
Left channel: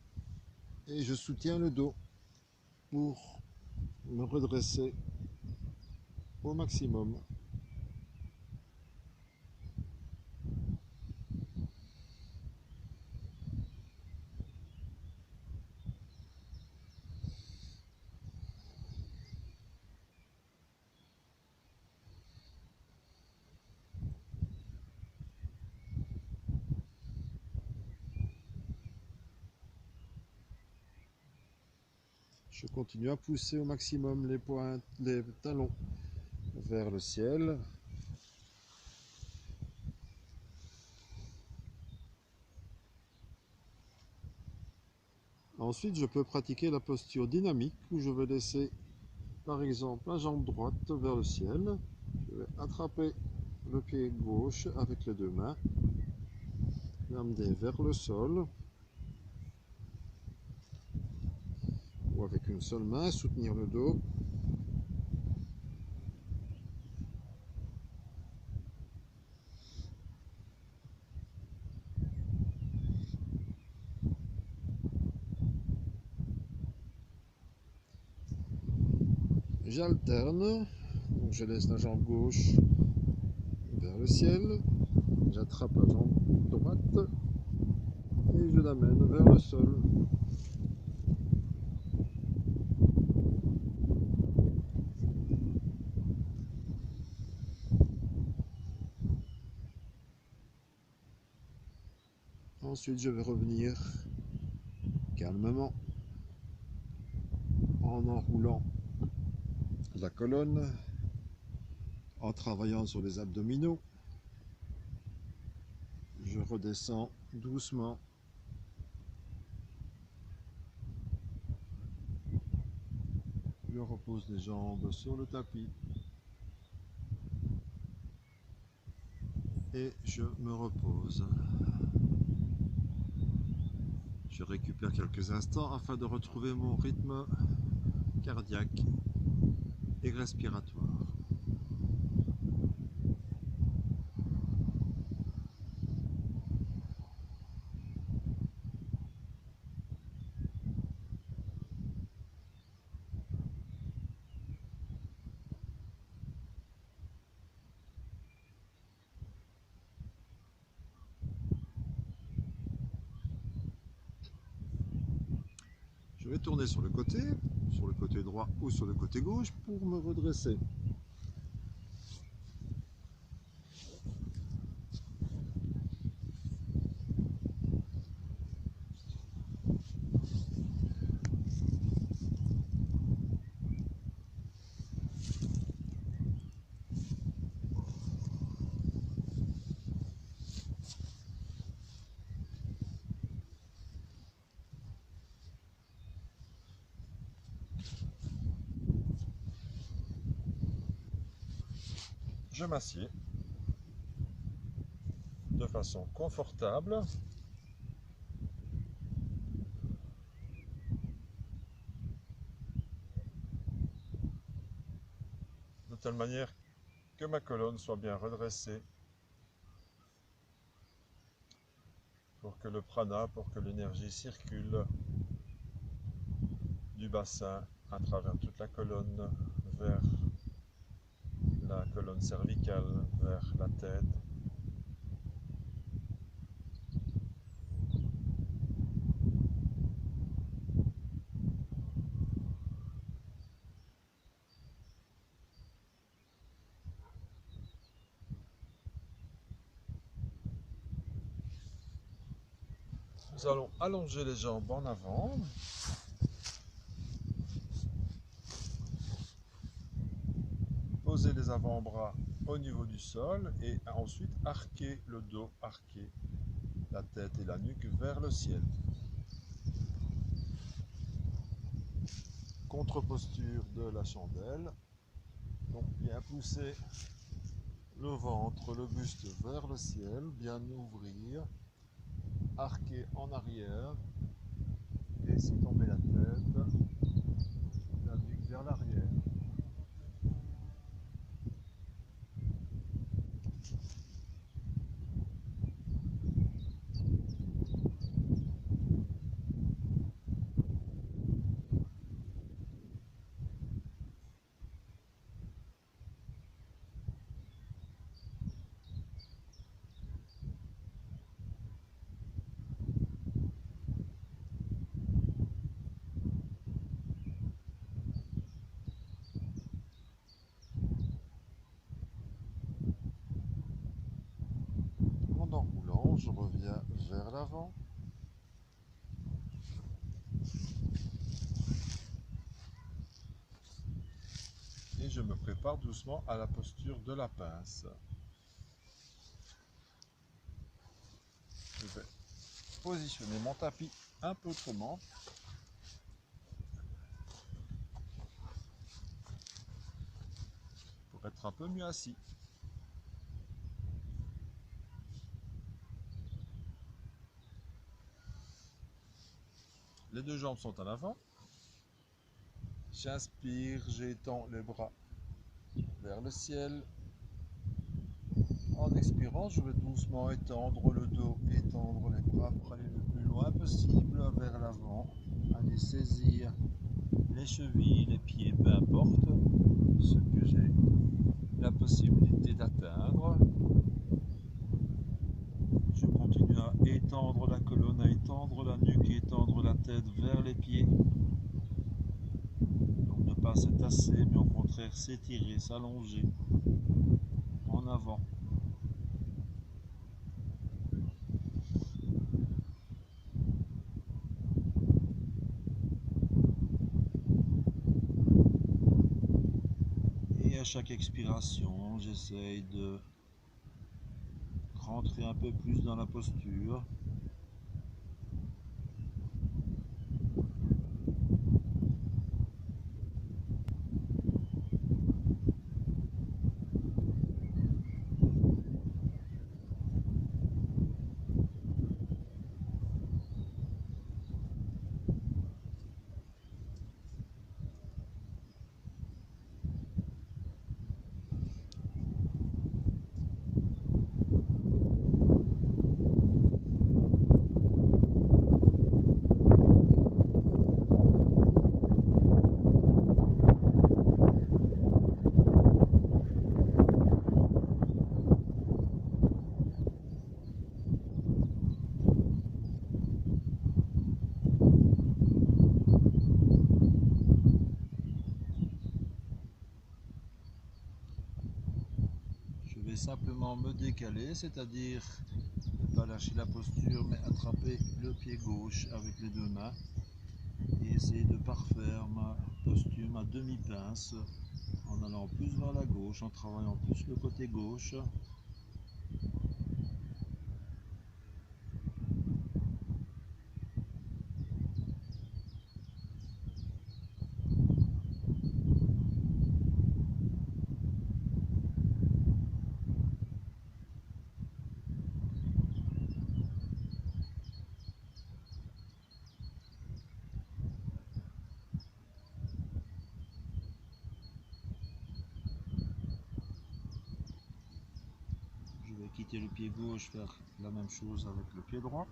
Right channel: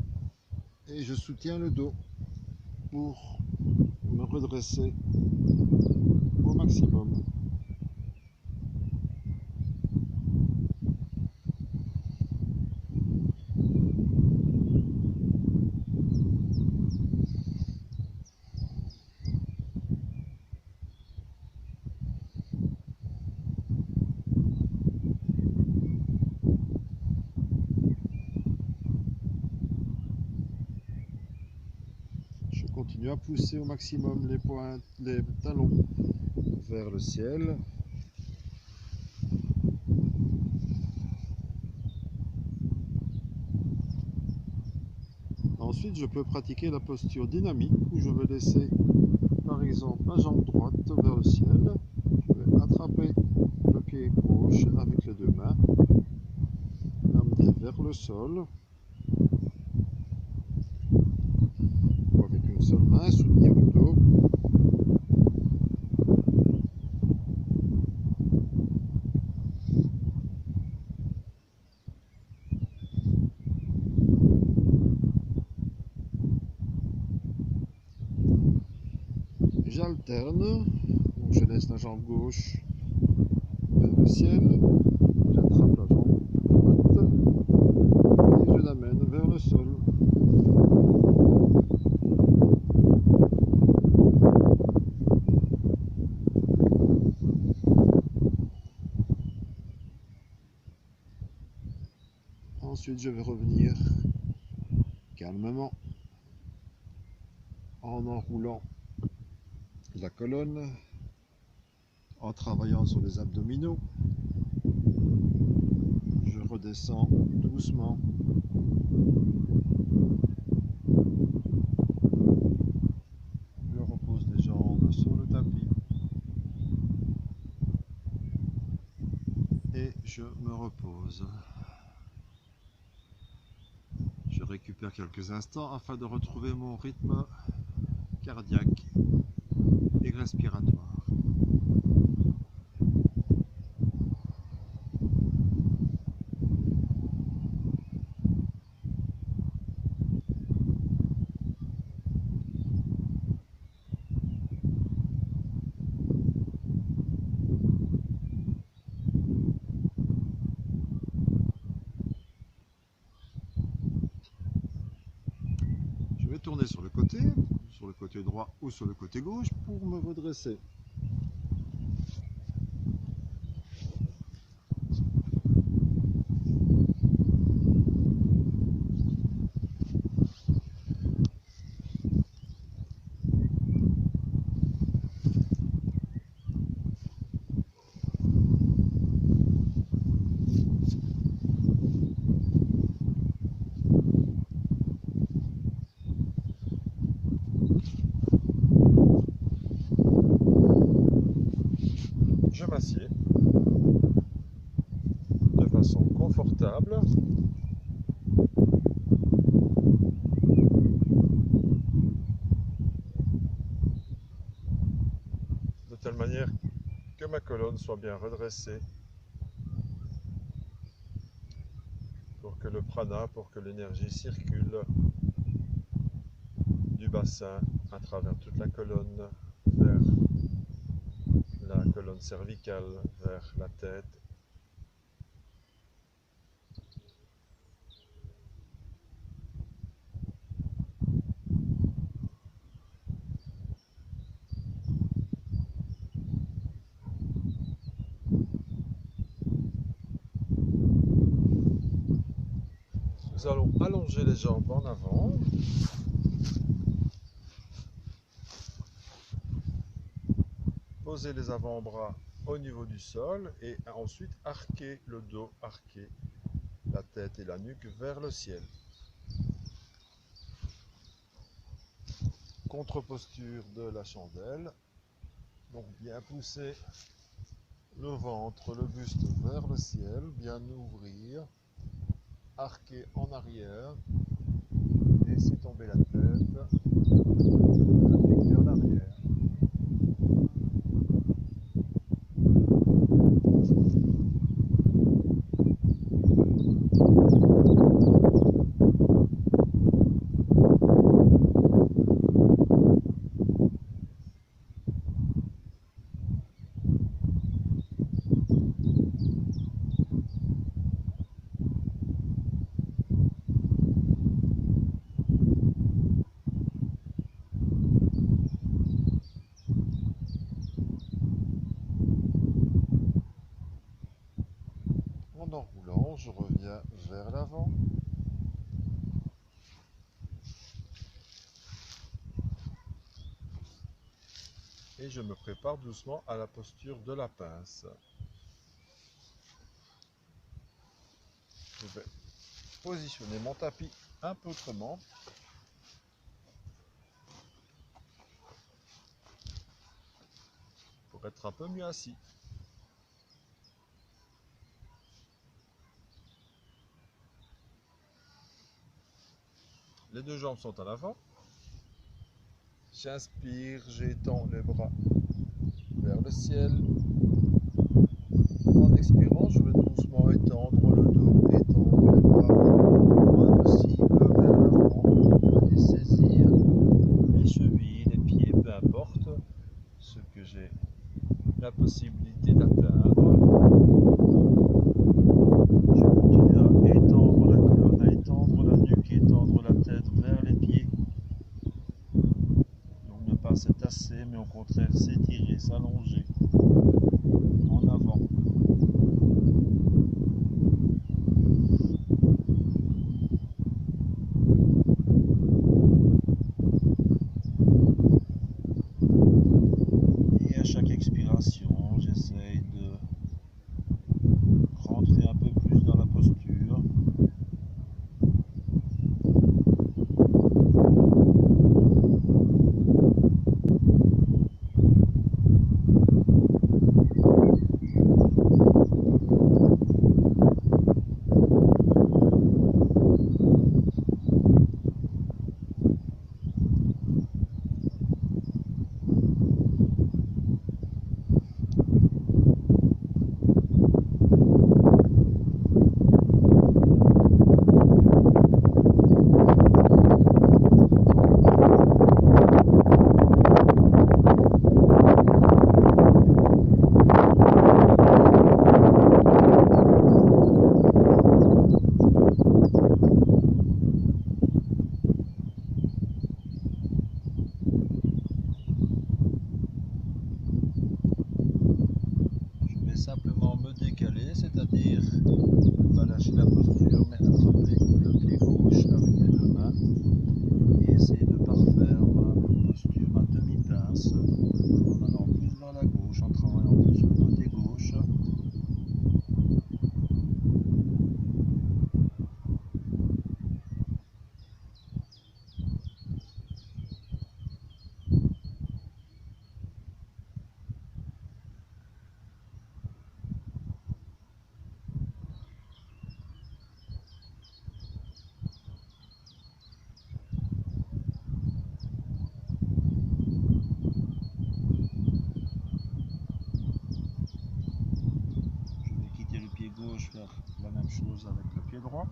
Et je soutiens le dos pour me redresser au maximum. Je continue à pousser au maximum les pointes, les talons vers le ciel. Ensuite, je peux pratiquer la posture dynamique où je vais laisser par exemple ma jambe droite vers le ciel. Je vais attraper le pied gauche avec les deux mains, l'amener vers le sol. Ou avec une seule main, soutenir le dos. J'alterne, donc je laisse la jambe gauche vers le ciel, j'attrape la jambe droite et je l'amène vers le sol. Ensuite, je vais revenir calmement en enroulant la colonne, en travaillant sur les abdominaux. Je redescends doucement. Je repose les jambes sur le tapis. Et je me repose. Je récupère quelques instants afin de retrouver mon rythme cardiaque et respiratoire. Je vais tourner sur le côté droit ou sur le côté gauche pour me redresser. Je m'assieds de façon confortable. De telle manière que ma colonne soit bien redressée pour que le prana, pour que l'énergie circule du bassin à travers toute la colonne vers la colonne cervicale, vers la tête. Nous allons allonger les jambes en avant. Poser les avant-bras au niveau du sol et ensuite arquer le dos, arquer la tête et la nuque vers le ciel. Contre-posture de la chandelle. Donc bien pousser le ventre, le buste vers le ciel, bien ouvrir, arquer en arrière, laisser tomber la tête, la nuque vers l'arrière. En enroulant, je reviens vers l'avant. Et je me prépare doucement à la posture de la pince. Je vais positionner mon tapis un peu autrement. Pour être un peu mieux assis. Les deux jambes sont en avant. J'inspire, j'étends les bras vers le ciel. En expirant, je vais doucement étendre le dos, étendre les bras le moins possible vers l'avant. Et saisir les chevilles, les pieds, peu importe ce que j'ai la possibilité d'atteindre. Je continue à étendre la colonne, à étendre la nuque, étendre la tête vers les pieds. Donc ne pas se tasser, mais au contraire s'étirer, s'allonger en avant. Et à chaque expiration, j'essaye de rentrer un peu plus dans la posture. Simplement me décaler, c'est-à-dire ne pas lâcher la posture, mais attraper le pied gauche avec les deux mains et essayer de parfaire ma posture, ma demi-pince, en allant plus vers la gauche, en travaillant plus le côté gauche. Le pied gauche, faire la même chose avec le pied droit.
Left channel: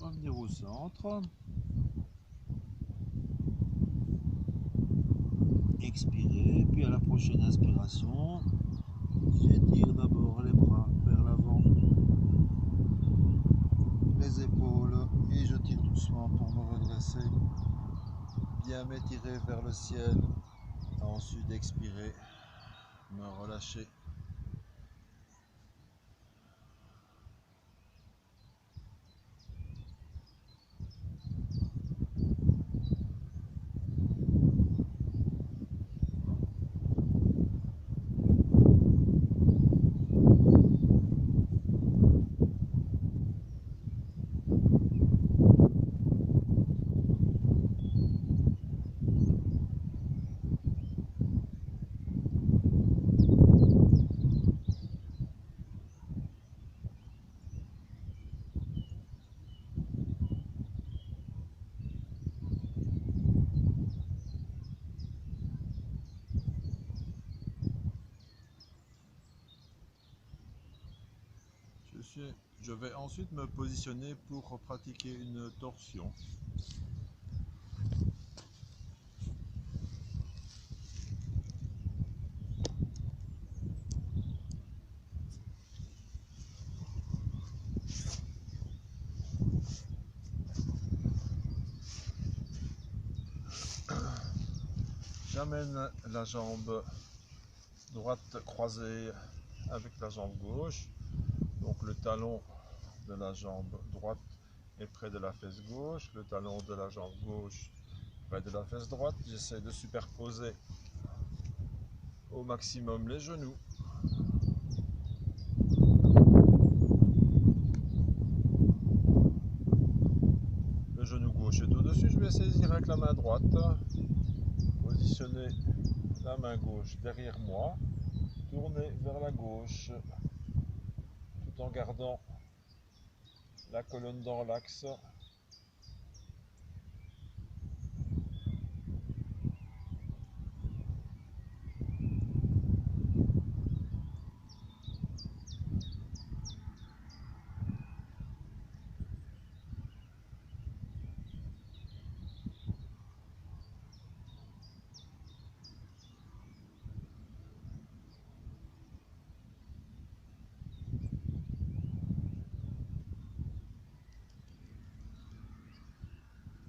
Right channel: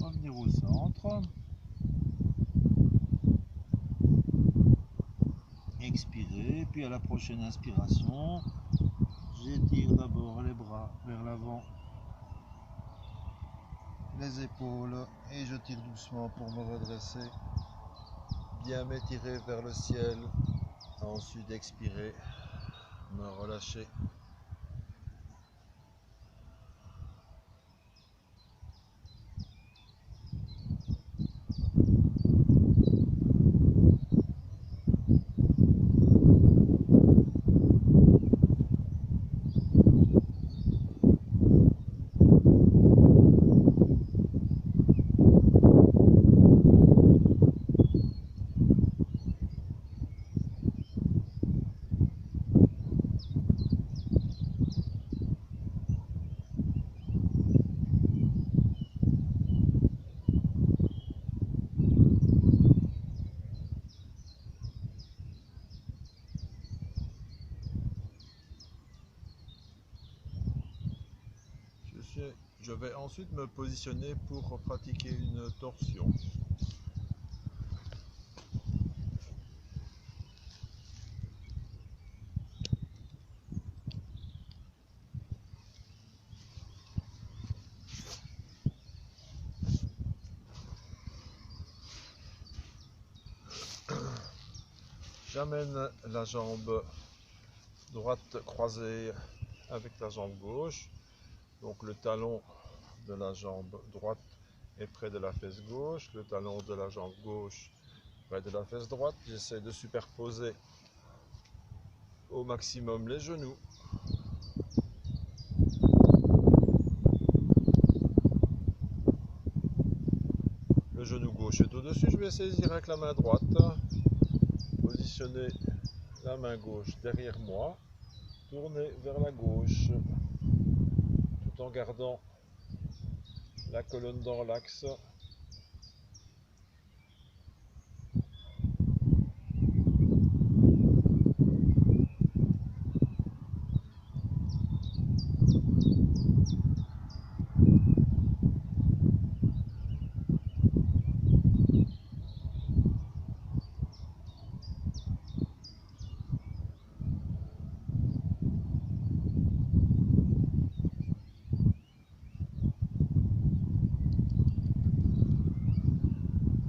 Revenir au centre. Expirer, puis à la prochaine inspiration, j'étire d'abord les bras vers l'avant, les épaules, et je tire doucement pour me redresser, bien m'étirer vers le ciel. Ensuite expirer, me relâcher. Je vais ensuite me positionner pour pratiquer une torsion. J'amène la jambe droite croisée avec la jambe gauche. Donc le talon de la jambe droite est près de la fesse gauche, le talon de la jambe gauche près de la fesse droite. J'essaie de superposer au maximum les genoux. Le genou gauche est au-dessus, je vais saisir avec la main droite, positionner la main gauche derrière moi, tourner vers la gauche, tout en gardant la colonne dans l'axe.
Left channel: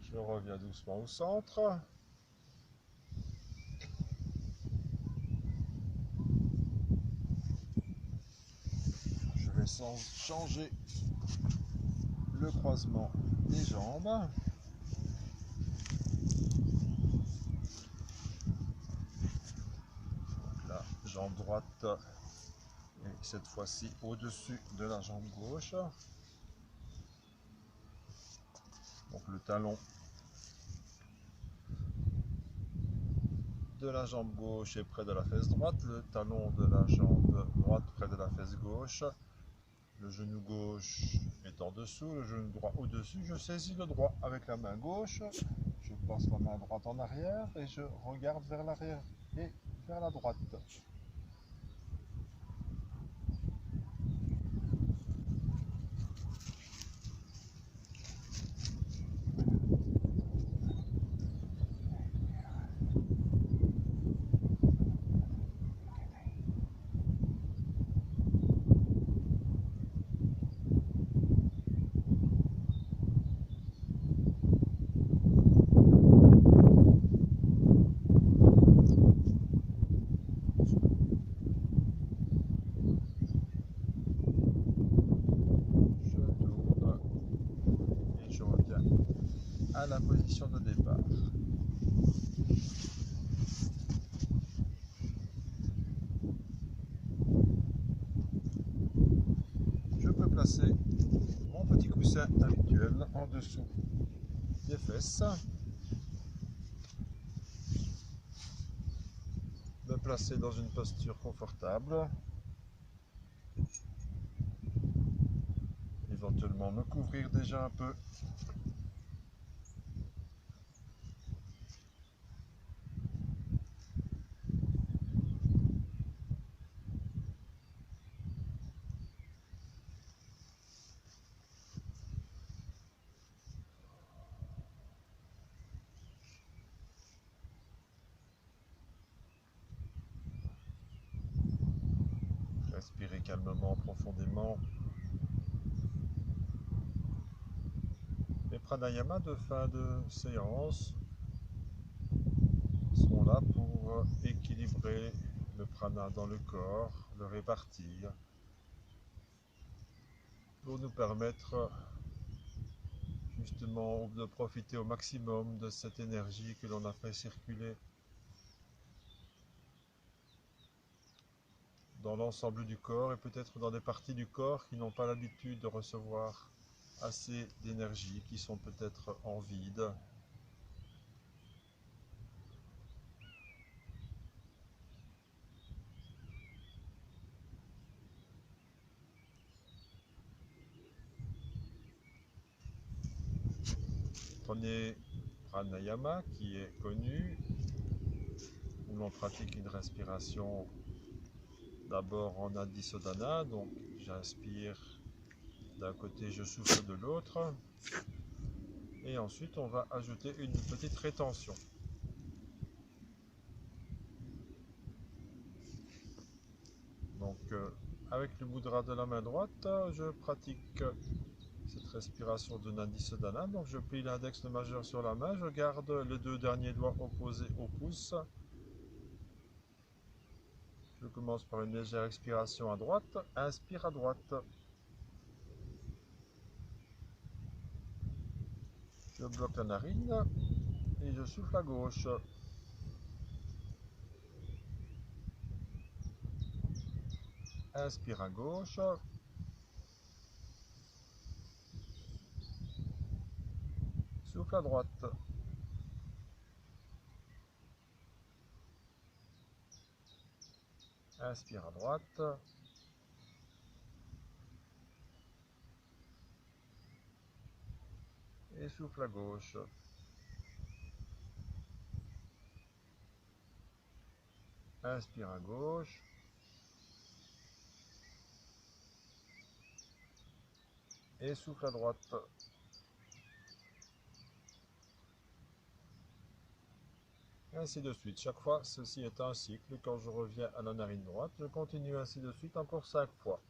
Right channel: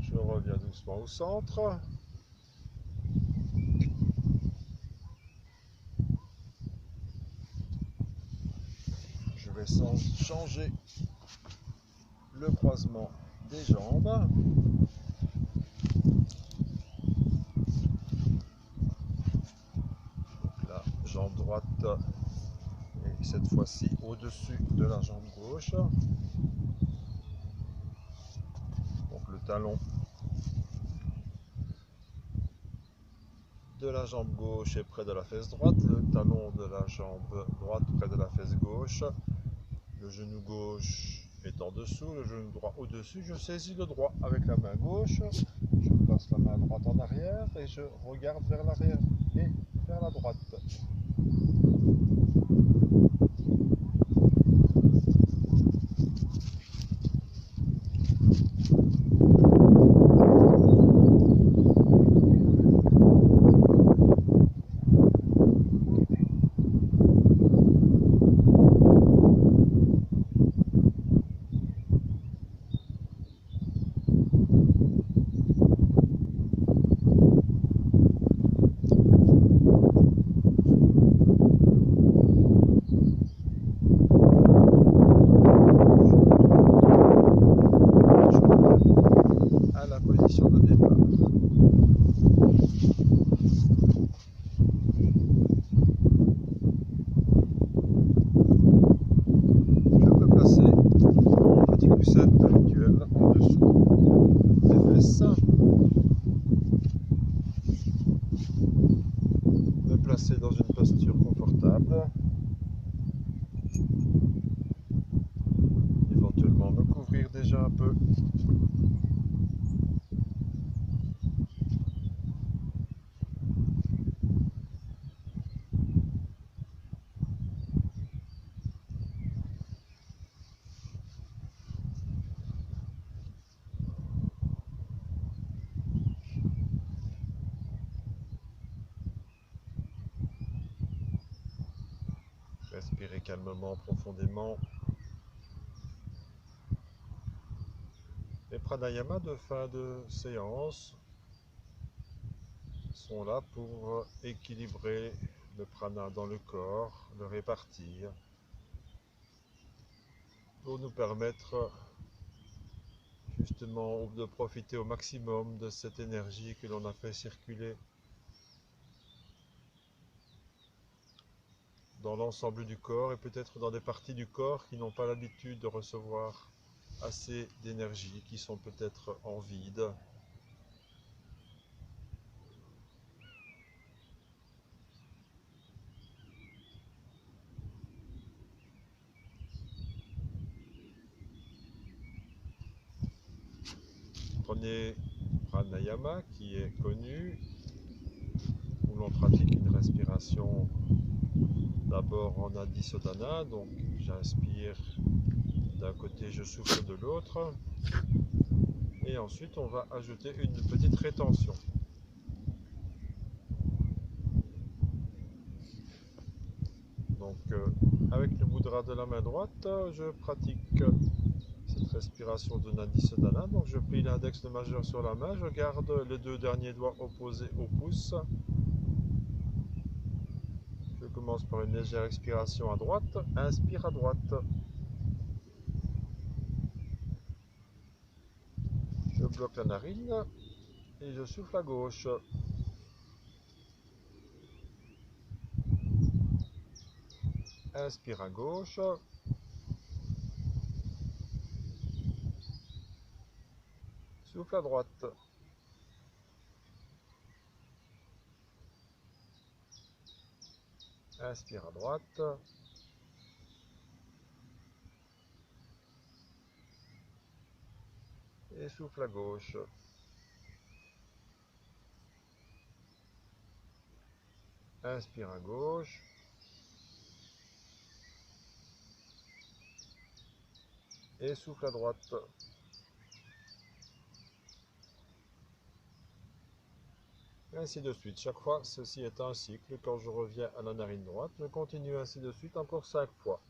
Je reviens doucement au centre. Je vais changer le croisement des jambes. Donc la jambe droite est cette fois-ci au-dessus de la jambe gauche. Donc le talon de la jambe gauche est près de la fesse droite, le talon de la jambe droite près de la fesse gauche, le genou gauche est en dessous, le genou droit au-dessus. Je saisis le droit avec la main gauche, je place la main droite en arrière et je regarde vers l'arrière et vers la droite. À la position de départ. Je peux placer mon petit coussin habituel en dessous des fesses. Me placer dans une posture confortable. Éventuellement me couvrir déjà un peu. Respirez calmement, profondément. Les pranayamas de fin de séance sont là pour équilibrer le prana dans le corps, le répartir, pour nous permettre justement de profiter au maximum de cette énergie que l'on a fait circuler dans l'ensemble du corps et peut-être dans des parties du corps qui n'ont pas l'habitude de recevoir assez d'énergie, qui sont peut-être en vide. Prenez pranayama qui est connu, où l'on pratique une respiration d'abord en Adisodhana, donc j'inspire d'un côté, je souffle de l'autre, et ensuite on va ajouter une petite rétention. Donc avec le mudra de la main droite, je pratique cette respiration de Nadisodhana. Donc je plie l'index, le majeur sur la main, je garde les deux derniers doigts opposés au pouce commence par une légère expiration à droite. Inspire à droite. Je bloque la narine et je souffle à gauche. Inspire à gauche. Souffle à droite. Inspire à droite. Et souffle à gauche. Inspire à gauche. Et souffle à droite. Et ainsi de suite. Chaque fois, ceci est un cycle. Quand je reviens à la narine droite, je continue ainsi de suite encore 5 fois.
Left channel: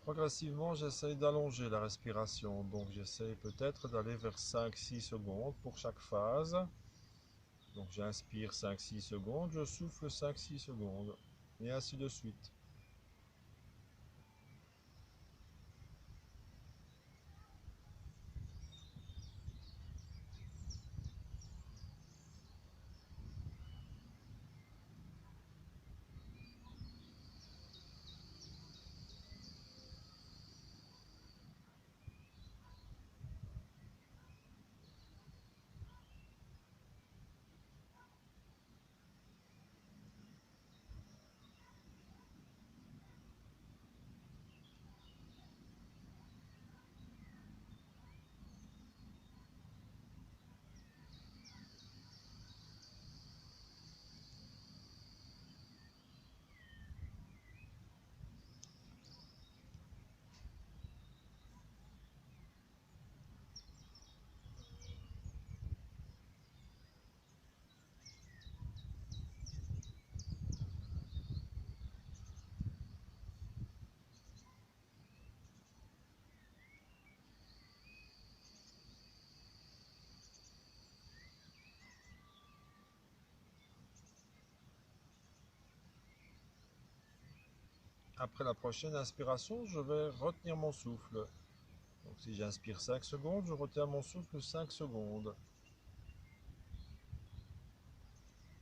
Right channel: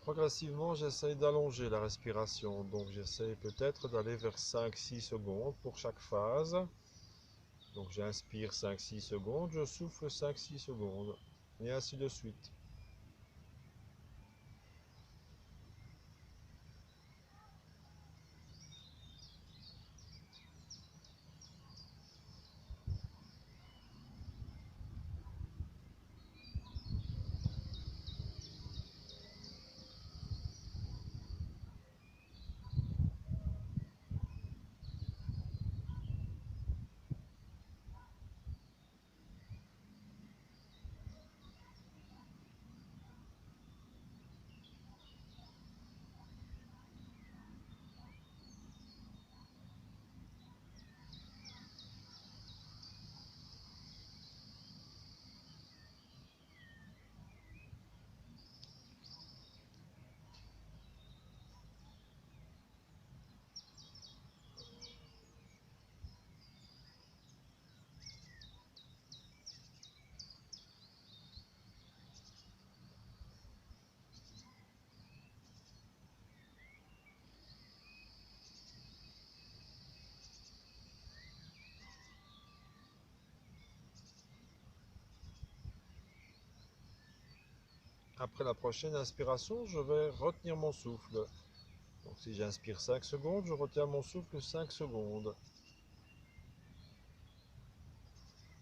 Progressivement, j'essaye d'allonger la respiration. Donc j'essaye peut-être d'aller vers 5-6 secondes pour chaque phase. Donc j'inspire 5-6 secondes, je souffle 5-6 secondes. Et ainsi de suite. Après la prochaine inspiration, je vais retenir mon souffle. Donc si j'inspire 5 secondes, je retiens mon souffle 5 secondes.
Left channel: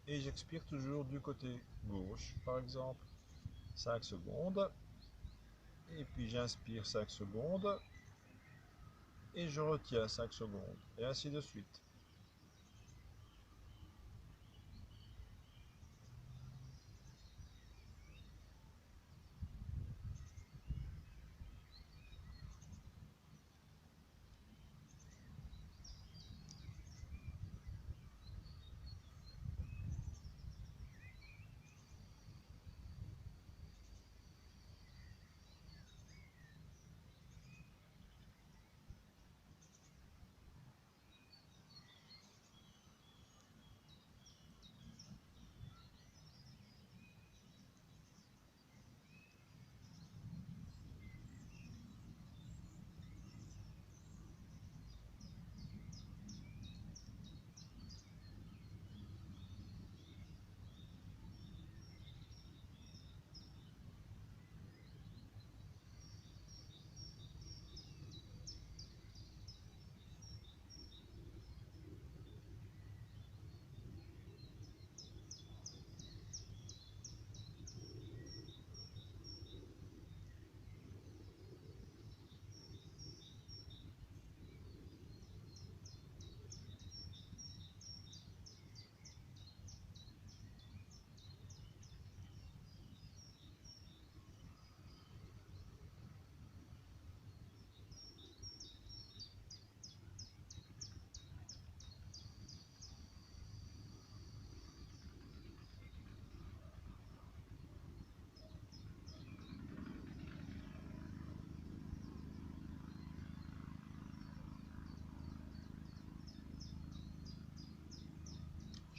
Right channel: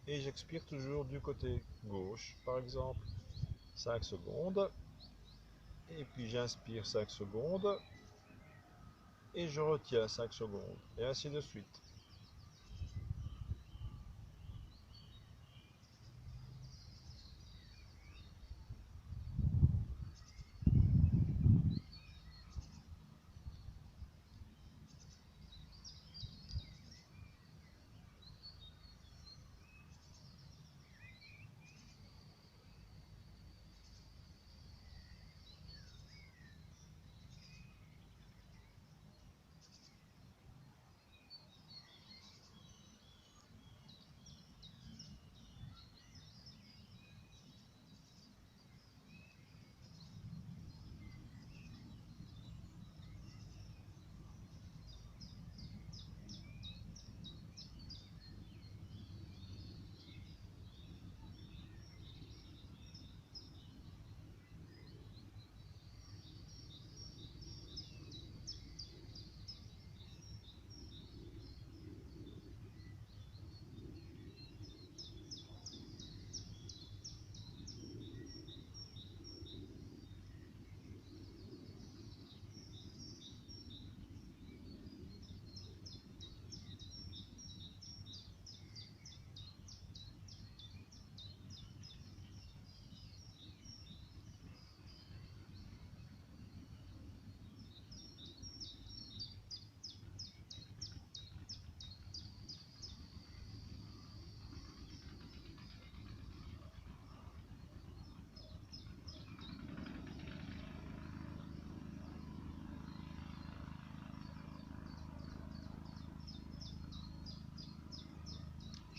Et j'expire toujours du côté gauche, par exemple. 5 secondes. Et puis j'inspire 5 secondes. Et je retiens 5 secondes. Et ainsi de suite.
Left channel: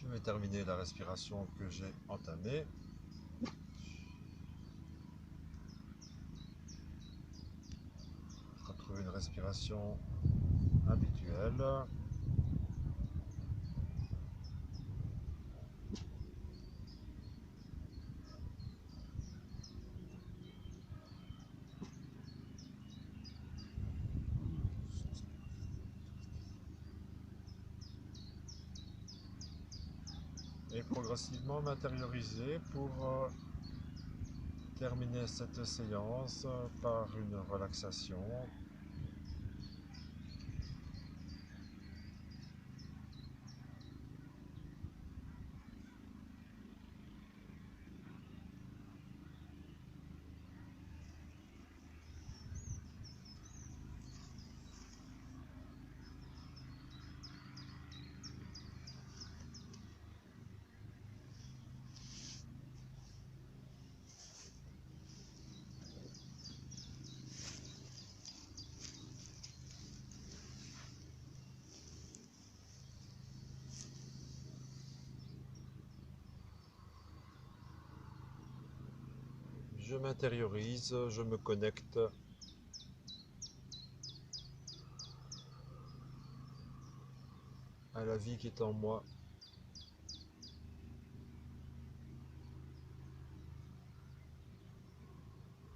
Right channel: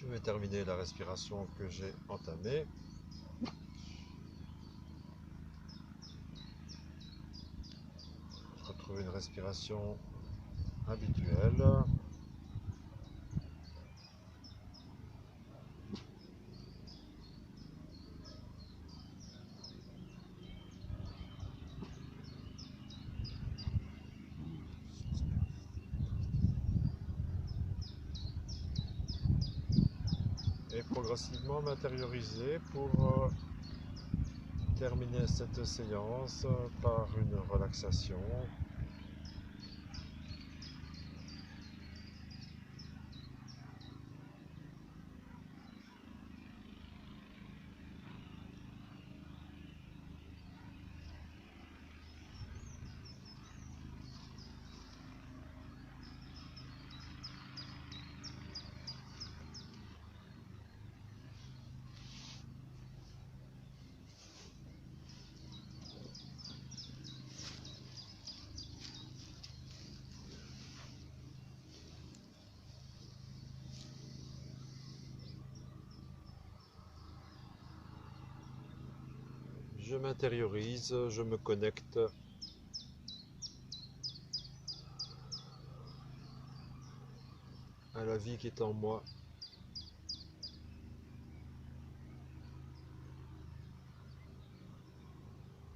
Je vais terminer la respiration que j'ai entamée. Je retrouve une respiration habituelle. et progressivement m'intérioriser pour terminer cette séance par une relaxation. Je m'intériorise, je me connecte à la vie qui est en moi.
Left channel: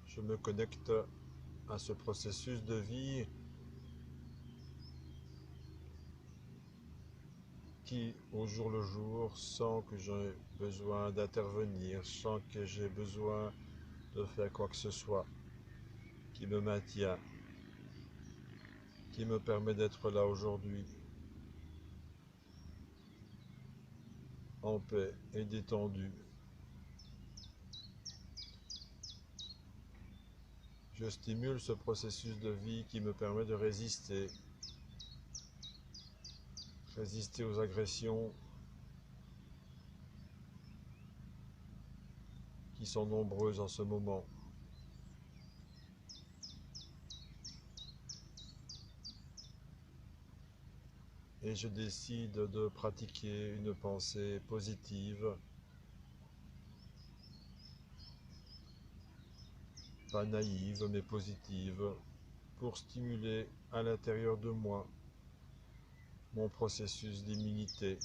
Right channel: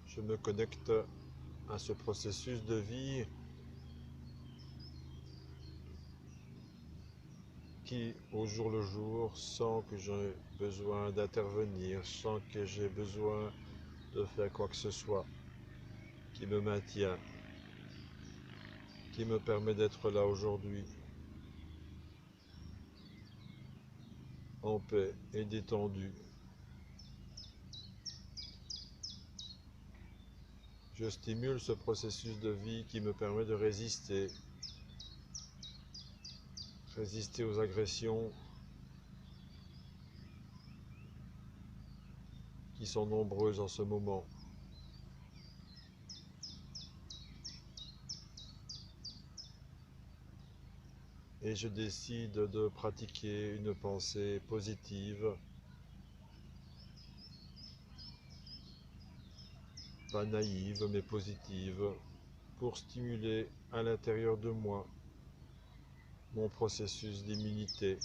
Je me connecte à ce processus de vie qui, au jour le jour, sans que j'ai besoin d'intervenir, sans que j'ai besoin de faire quoi que ce soit, qui me maintient, qui me permet d'être là aujourd'hui, en paix et détendu. Je stimule ce processus de vie qui me permet de résister aux agressions qui sont nombreuses en ce moment. Et je décide de pratiquer une pensée positive, pas naïve mais positive, pour stimuler à l'intérieur de moi mon processus d'immunité.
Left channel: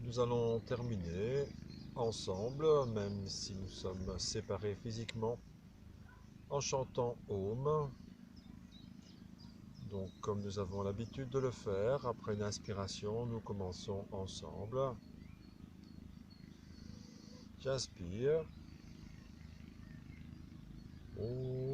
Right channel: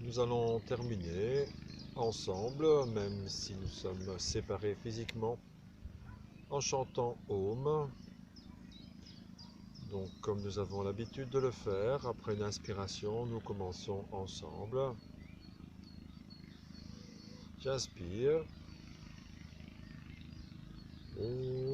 Nous allons terminer ensemble, même si nous sommes séparés physiquement, en chantant Om. Donc, comme nous avons l'habitude de le faire, après une inspiration, nous commençons ensemble. J'inspire. Om.